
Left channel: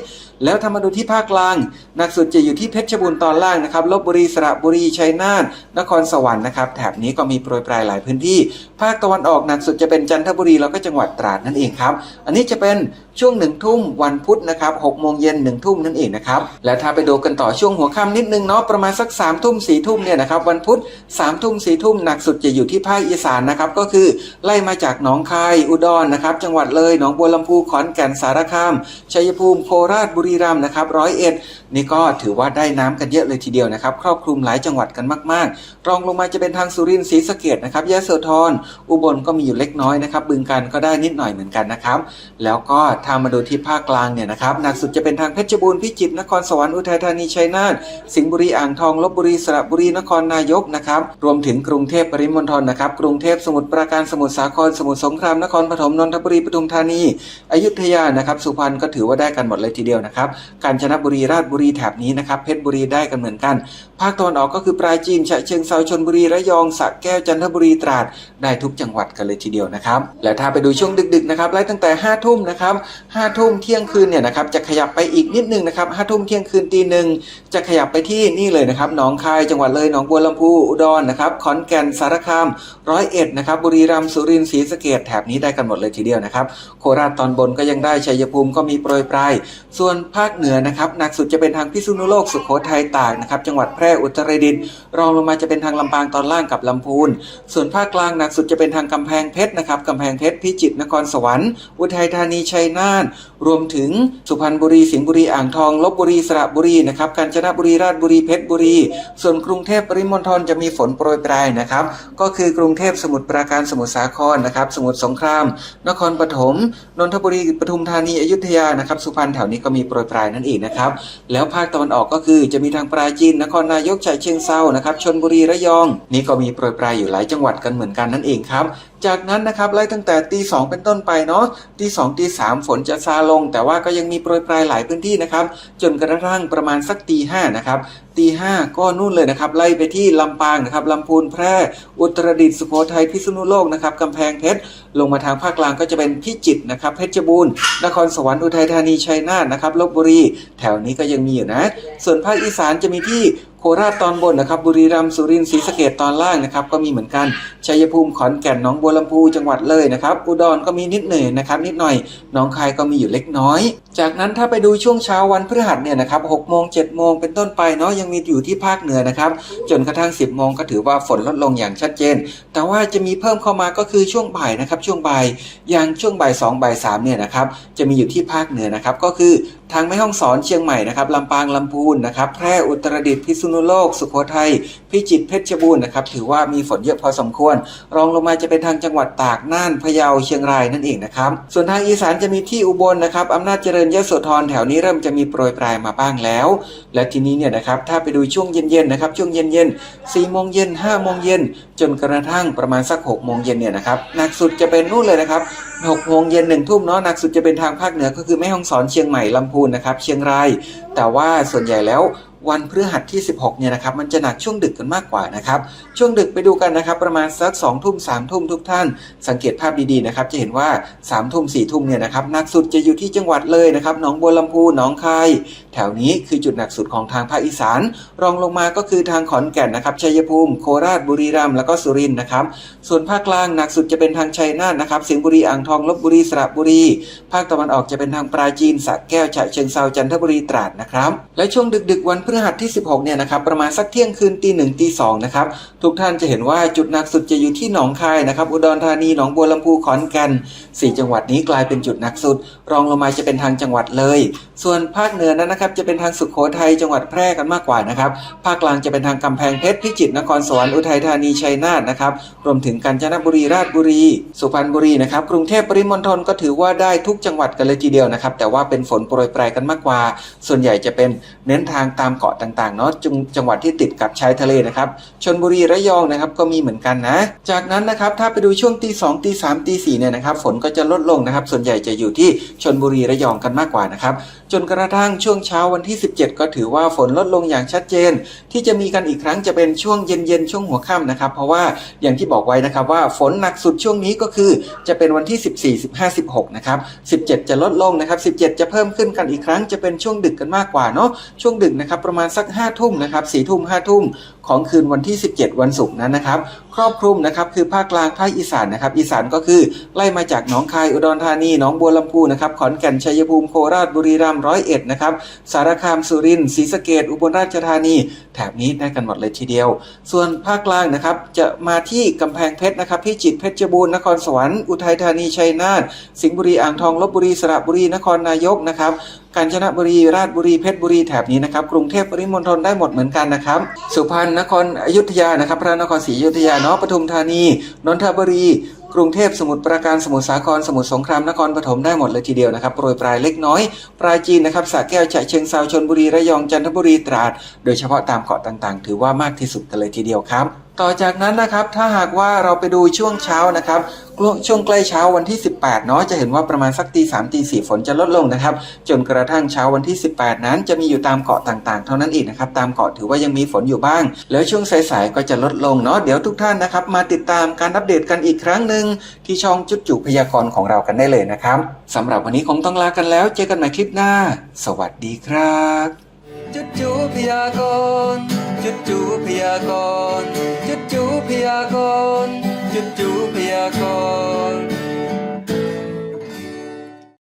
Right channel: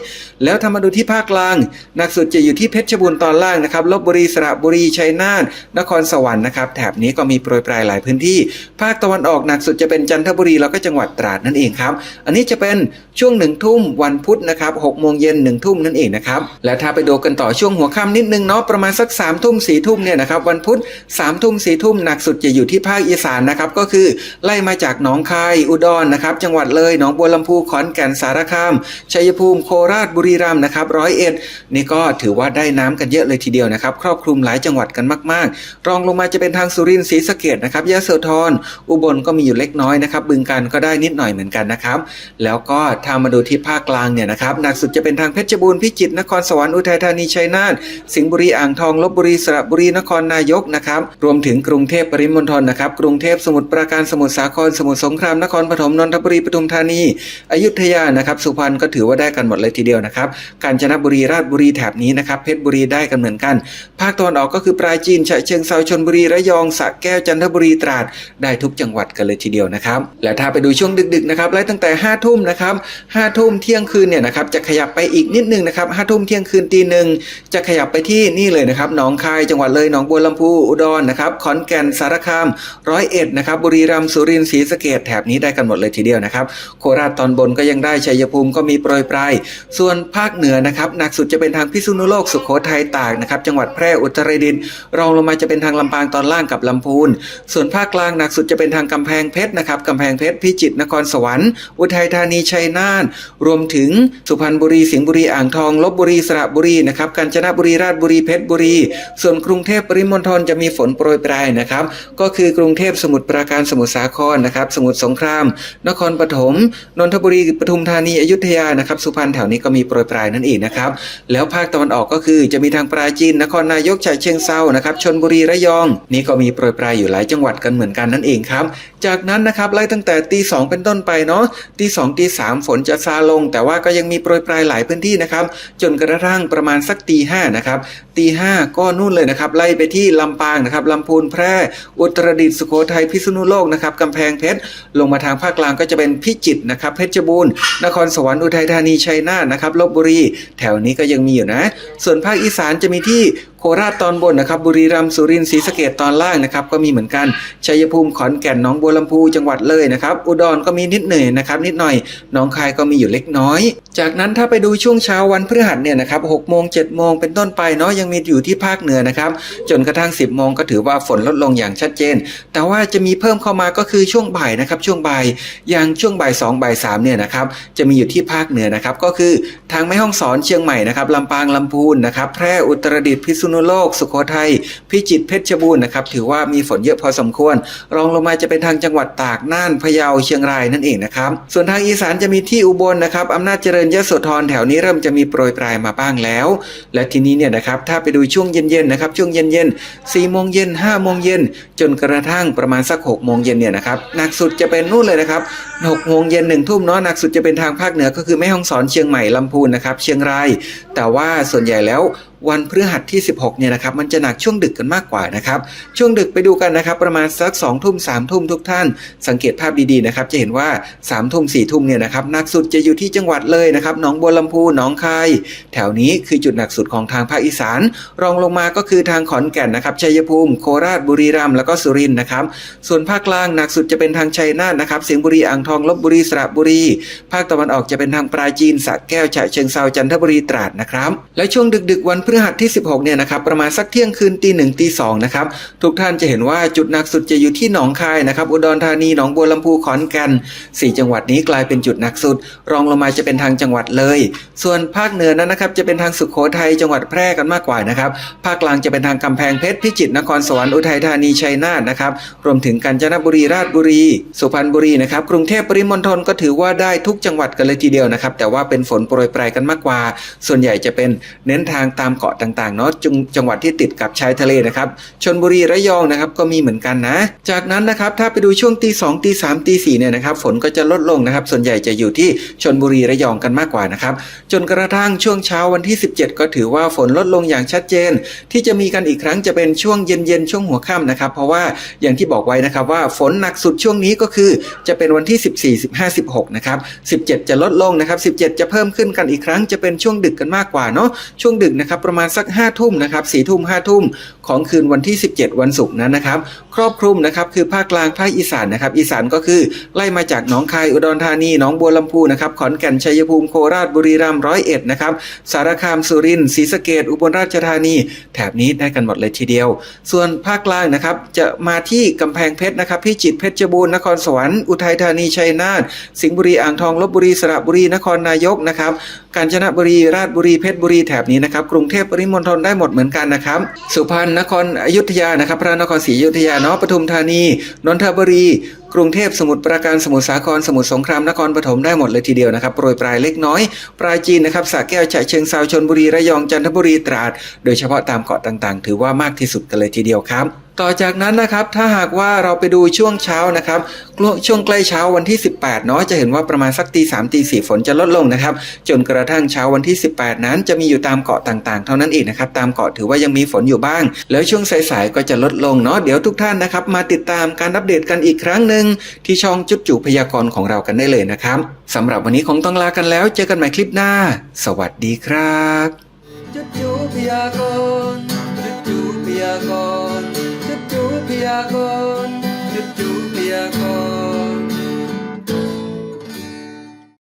แล้วถ้ามาดูที่ภาคกลางหนักสุดจะอยู่ที่เพชรบูรณ์ตอนล่างนะครับลบบุรีสระบุรีชัยนาทนครสวรรค์นะครับแถบนี้ก็มีโปรยปลายหลายพื้นที่ภาคตะวันออกหนักสุดจะเป็นจันทบุรีแล้วก็จังหวัดตราดนั่นเองครับ อันนี้จะเป็นช่วงหนึ่งทุ่มวันพุธนะครับหกโมงเย็นหนึ่งทุ่มนั่นเองนะครับ แล้วถ้าไปดูกันต่อช่วงหัวค่ำนิดนึงเนาะประมาณสักสามทุ่มสี่ทุ่มเนี่ยนะครับวันพุธสามทุ่มสี่ทุ่มหนักสุดจะอยู่ที่ภาคอีสานนะครับก็คือไล่มาจากหนองคายอุดรนะครับ จังหวัดเลยหนองบัวลำพูขอนแก่นสารคามชัยภูมิโคราชบุรีรัมย์นะครับร้อยเอ็ดนี่ก็ถือว่าได้น้ำกันเยอะเลยทีเดียวนะครับ ครอบคลุมหลายจังหวัดกันมาก ๆ รองลงมาจะเป็นทางสุรินทร์ศรีสะเกดนะครับยะโสธร อุบลก็มีอยู่เล็กน้อยนะครับ บึงการก็ได้นิดหน่อยเหมือนกันนะครับ แล้วก็ถ้ามาดูที่ภาคกลางเนี่ยนะครับหนักสุดจะเป็นทางเพชรบูรณ์พิจิตรนครสวรรค์อุทัยธานีชัยนาทสิงห์บุรีอ่างทองลบบุรีสระบุรีนครนายกนะครับรวมถึงกรุงเทพปริมณฑลนะครับกรุงเทพสมุทรปราการสมุทรสาครสมุทรสงครามนครปฐมนนทบุรีปทุมธานี อยุธยานะครับสุพรรณก็ถือว่าได้กันหมดเลยทีเดียวนะครับกาญจนบุรีราชบุรีแถบนี้นะครับเพชรบุรีได้กันเหมือนกัน ภาคตะวันออกก็คือปราจีนฉะเชิงเซาชลบุรีระยองสระแก้วจันทบุรีตราดได้ทุกจังหวัดกันเลยทีเดียวนะครับ และถ้าไปดูช่วงดึกๆนะครับไล่ตั้งแต่5้าทุ่มนะครับห้าทุ่มเที่ยงคืนเนี่ยนะครับจะขยับไปอีกนิดนึงนะครับห้าทุ่มเที่ยงคืนตีหนึ่งจะขยับไปที่นี่เลยนะครับหนองคายจังหวัดเลยหนองบัวลำพูอุดรนะครับขอนแก่นสารคามร้อยเอ็ดนะครับบุรีรัมย์สุรินทร์ศรีสะเกดแถบนี้ได้กันหมดเลยทีเดียวนะครับโคราชตอนบนก็ยังได้ชัยภูมิก็มีโปรยปลายส่วนภาคเหนือนะครับหนักสุดจะเป็นทางพิษณุโลกสุโขทัยตากนะครับจังหวัดแพร่อุตรดิตถ์รองลงมาจะเป็นทางลำปางตอนล่างกับลำพูน ส่วนภาคกลางหนักสุดจะเป็นทางกำแพงเพชรนะครับกำแพงเพชรพิจิตรนครสวรรค์ อุทัยธานีชัยนาทรวมถึงสุพรรณบุรีสิงห์บุรีอ่างทองลบบุรีสระบุรีนะครับกาญจนบุรีราชบุรีเพชรบุรี ส่วนกรุงเทพปริมณฑลจะมีฝนโปรยปลายนะครับก็คือกรุงเทพสมุทรปราการสมุทรสาครนะครับสมุทรสงคราม นครปฐมนนทบุรีปทุมธานีอยุธยานะครับสุพรรณแถวนี้ก็มีโปรยปลายนั่นเองนะครับแล้วภาคตะวันออกก็คือจะมีทางปราจีนนครนายกฉะเชิงเซานะครับชนบุรีระยอง นี่ก็มีโปรยปลายอยู่หลายจังหวัดกันเหมือนกันนั่นเองครับ จากนั้นนะครับไล่ตั้งแต่ตีสองเป็นต้นไปเนาะตีสองตีสามฝนจะซาลง แต่ว่าก็ยังมีโปรยปลายหลายพื้นที่นะครับ จนกระทั่งประมาณสักตีห้านะครับ ตีห้าก็นู่นเลยนะครับไล่ไปที่ลำปางนะครับลำพูนแพร่อุตรดิตถ์สุโขทัยพิษณุโลกนะครับกำแพงเพชรลงมาทางภาคกลางก็จะเป็นพิจิตรนะครับเพชรบูรณ์นครสวรรค์อุทัยธานีชัยนาทนะครับลบบุรี แถวนี้ก็ยังมีอยู่นะ ส่วนภาคอีสานจะมีที่โคราชตอนบนนะครับบุรีรัมย์สุรินทร์ศรีสะเกดตอนล่างนะครับก็มีเหมือนกันชัยภูมิขอนแก่นหนองบัวลำพูจังหวัดเลยนะครับอุดรก็มีนิดหน่อยนะครับนิดหน่อยหนองคายก็มีอยู่เล็กน้อย จากนั้นถ้าไปดูช่วงเช้าวันพฤหัสเนี่ยนะครับหกโมงเจ็ดโมงเป็นต้นไปเนาะยังมีอยู่ที่ภาคเหนือนะครับ จนกระทั่ง 10บโมงก็ถือว่าฝนลดลงอย่างชัดเจน แต่ว่าจะมีเพิ่มเข้ามาก็คือช่วงบ่ายนะครับ ช่วงบ่ายอย่างช่วงบ่ายสองบ่ายสามเนี่ยนะครับจะมีอยู่ที่ภาคเหนือนะครับ ก็คือทางแม่ฮ่องสอนเชียงใหม่นะครับลำปางลำพูนนะครับ แพร่อุตรดิตถ์พิษณุโลก สุโขทัยพิจิตรเพชรบูรณ์นะครับถือว่ามีฝนเยอะพอสมควร รองลงมาจะเป็นทางจังหวัดตากน่านพะเยาเชียงรายนั่นเองนะครับ ส่วนทางอีสานจะมีที่อุบลนะครับอำนาจเจริญยโสธรแถวนี้เริ่มจะมีโปรยปลายมาบ้างแล้ว และทีนี้เนี่ยนะครับถ้าไปดูช่วงเย็นๆนะครับช่วงเย็นๆ4โมงเย็น5โมงเย็นจนกระทั่งประมาณสัก6โมงเย็นเนี่ยนะครับหนักสุดจะเป็นนู่นเลยนะครับ6โมงเย็น1ทุ่มเนาะหนักสุดจะเป็นทางภาคเหนือก็คือแม่ฮ่องสอนเชียงใหม่ลำพูนนะครับเชียงราย แต่ว่าส่วนใหญ่แล้ว วันพฤหัสที่ 16เนี่ยนะครับมันจะหนักช่วงดึกกันมากกว่านะครับช่วงดึกไปดูกันนะครับประมาณสัก2ทุ่ม3ทุ่มทุกท่าน สังเกตภาพดีๆนะครับจะเห็นว่า3ทุ่ม4ทุ่มเนี่ยนะครับหนักสุดจะอยู่ที่จังหวัดเลยนะครับหนองบัวลำพูหนองคายแถวนี้คือจุดหนักสุดของทางภาคอีสาน รองลงมาก็คือทางขอนแก่นนะครับชัยภูมิ โคราชบุรีรัมย์แล้วก็สุรินทร์นะครับส่วนภาคกลางหนักสุดจะเป็นทางชัยนาทนะครับสิงห์บุรีอ่างทองลบบุรีสระบุรี ภาคตะวันออกจะเป็นทางปราจีนสระแก้วฉะเชิงเซาจันทบุรีตราดนะครับและช่วงดึกๆวันพฤหัสที่ 16 เนี่ยนะครับประมาณสักเที่ยงคืนตีหนึ่งตีสองนะครับทุกท่านจะเห็นว่าจุดหนักสุดจะอยู่ที่หนองคายนะครับอุดรธานีหนองบัวลำพูขอนแก่นสี่จังหวัดนี้กลายเป็นจุดหนักสุด รองลงมาจะเป็นทางจังหวัดเลย ส่วนภาคเหนือนั้นนะครับจะเป็นทางสุขโขทัยจังหวัดแพร่กันมากกว่านะครับภาคกลางจะเป็นทางกำแพงเพชรพิจิตรนครสวรรค์อุทัยธานีชัยนาทนะครับรวมถึงกาญจนบุรีราชบุรี สุพรรณบุรีนะครับกรุงเทพปริมณฑลก็ถือว่าได้ทุกจังหวัดกันเลยทีเดียวนะครับแต่ว่าเป็นฝนโปรยปลายกันมากกว่า ส่วนใหญ่จะเป็นเน้นทางตามเกาะต่างๆเนาะจังจังหวัดที่ติดกับชายทะเลนะครับชนบุรีระยองนะครับก็มีเหมือนกันนะ จากนั้นนะครับถ้าไปดูช่วงตีสองตีสามตีสี่เนี่ยนะครับฝนก็จะลดลงนะครับส่วนใหญ่จะอยู่ที่ชนบุรีระยองกันมากกว่านะครับจนกระทั่งช่วงเช้าวันที่ 17 ก็ถือว่าฝนลดลงอย่างชัดเจน ที่จะมีกันอีกครั้งจะเป็นช่วงเย็นๆช่วงหัวค่ำนะครับ เพราะว่าอย่างที่บอกไว้นะครับว่าฝนหนักสุดช่วงนี้ก็คือจะเป็นวันที่ 14 15 16นะครับ17 จะลดลงนะครับ17 จะเพิ่มขึ้นกันอีกครั้งจะเป็นช่วงดึกกันมากกว่าเนาะช่วงดึกนะครับประมาณสัก5ทุ่มนะครับสี่ทุ่มห้าทุ่มของคืนวันที่ 17 วันศุกร์นั้นนะครับ ครอบคลุมนะครับคือภาคกลางภาคอีสานนะครับ อีสานก็คือไล่มาจากหนองคายอุดรธานีหนองบัวลำพูนะครับขอนแก่นชัยภูมิโคราชบุรีรัมย์ร้อยเอ็ดนะครับสารคามสุรินทร์ศรีสะเกดอุบลราชธานี แถบนี้ได้กันหมดเลยทีเดียว ส่วนภาคกลางนะครับจะมาที่กำแพงเพชรนะครับพิจิตรเพชรบูรณ์นครสวรรค์อุทัยธานีชัยนาทสิงห์บุรีอ่างทองลบบุรีสระบุรีนครนายกนะครับกาญจนบุรีราชบุรีเพชรบุรีแถบนี้นะครับกรุงเทพปริมณฑลได้หมดเหมือนกันนะครับสุพรรณนครอยุธยานะครับ พระนครศรีอยุธยาเนาะปทุมธานีนนทบุรี กรุงเทพสมุทรปราการสมุทรสาครสมุทรสงครามนครปฐมได้หมดเลยทีเดียวนะครับโปรยปลายเล็กน้อย ปลายจีนนะครับสระแก้วฉะเชิงเซาชนบุรีระยองจันทบุรีตราด โดยเฉพาะตามเกาะต่างๆ ถือว่ามากที่สุดกันเลยทีเดียวครับ ต่อจากนั้นนะครับถ้าหากว่าเราไปดูช่วงเช้านะครับช่วงใกล้เช้าวันที่ 18เนาะจะเห็นว่าประมาณสักตีสามตีสี่ฝนจะลดลงนะครับจนกระทั่งเช้าวันที่ 18 นั้นจะมีอยู่ตามเกาะต่างๆ เท่านั้นเองนะครับตามเกาะถือว่ายังมีฝนอยู่บ้าง แล้วช่วงสายๆก็จะลดลงเนาะเดี๋ยวทุกท่านนะครับมาติดตามการอัปเดตกันอีกครั้งหนึ่งที่ช่องจุดจุพยากรณ์ของเรากันได้เลยนะครับสำหรับวันนี้คงต้องลากันแล้ว เจอกันใหม่คลิปหน้า สวัสดีครับ จุดจูพยากรณ์จุดจูพยากรณ์จุดจูพยากรณ์จุดจูพยากรณ์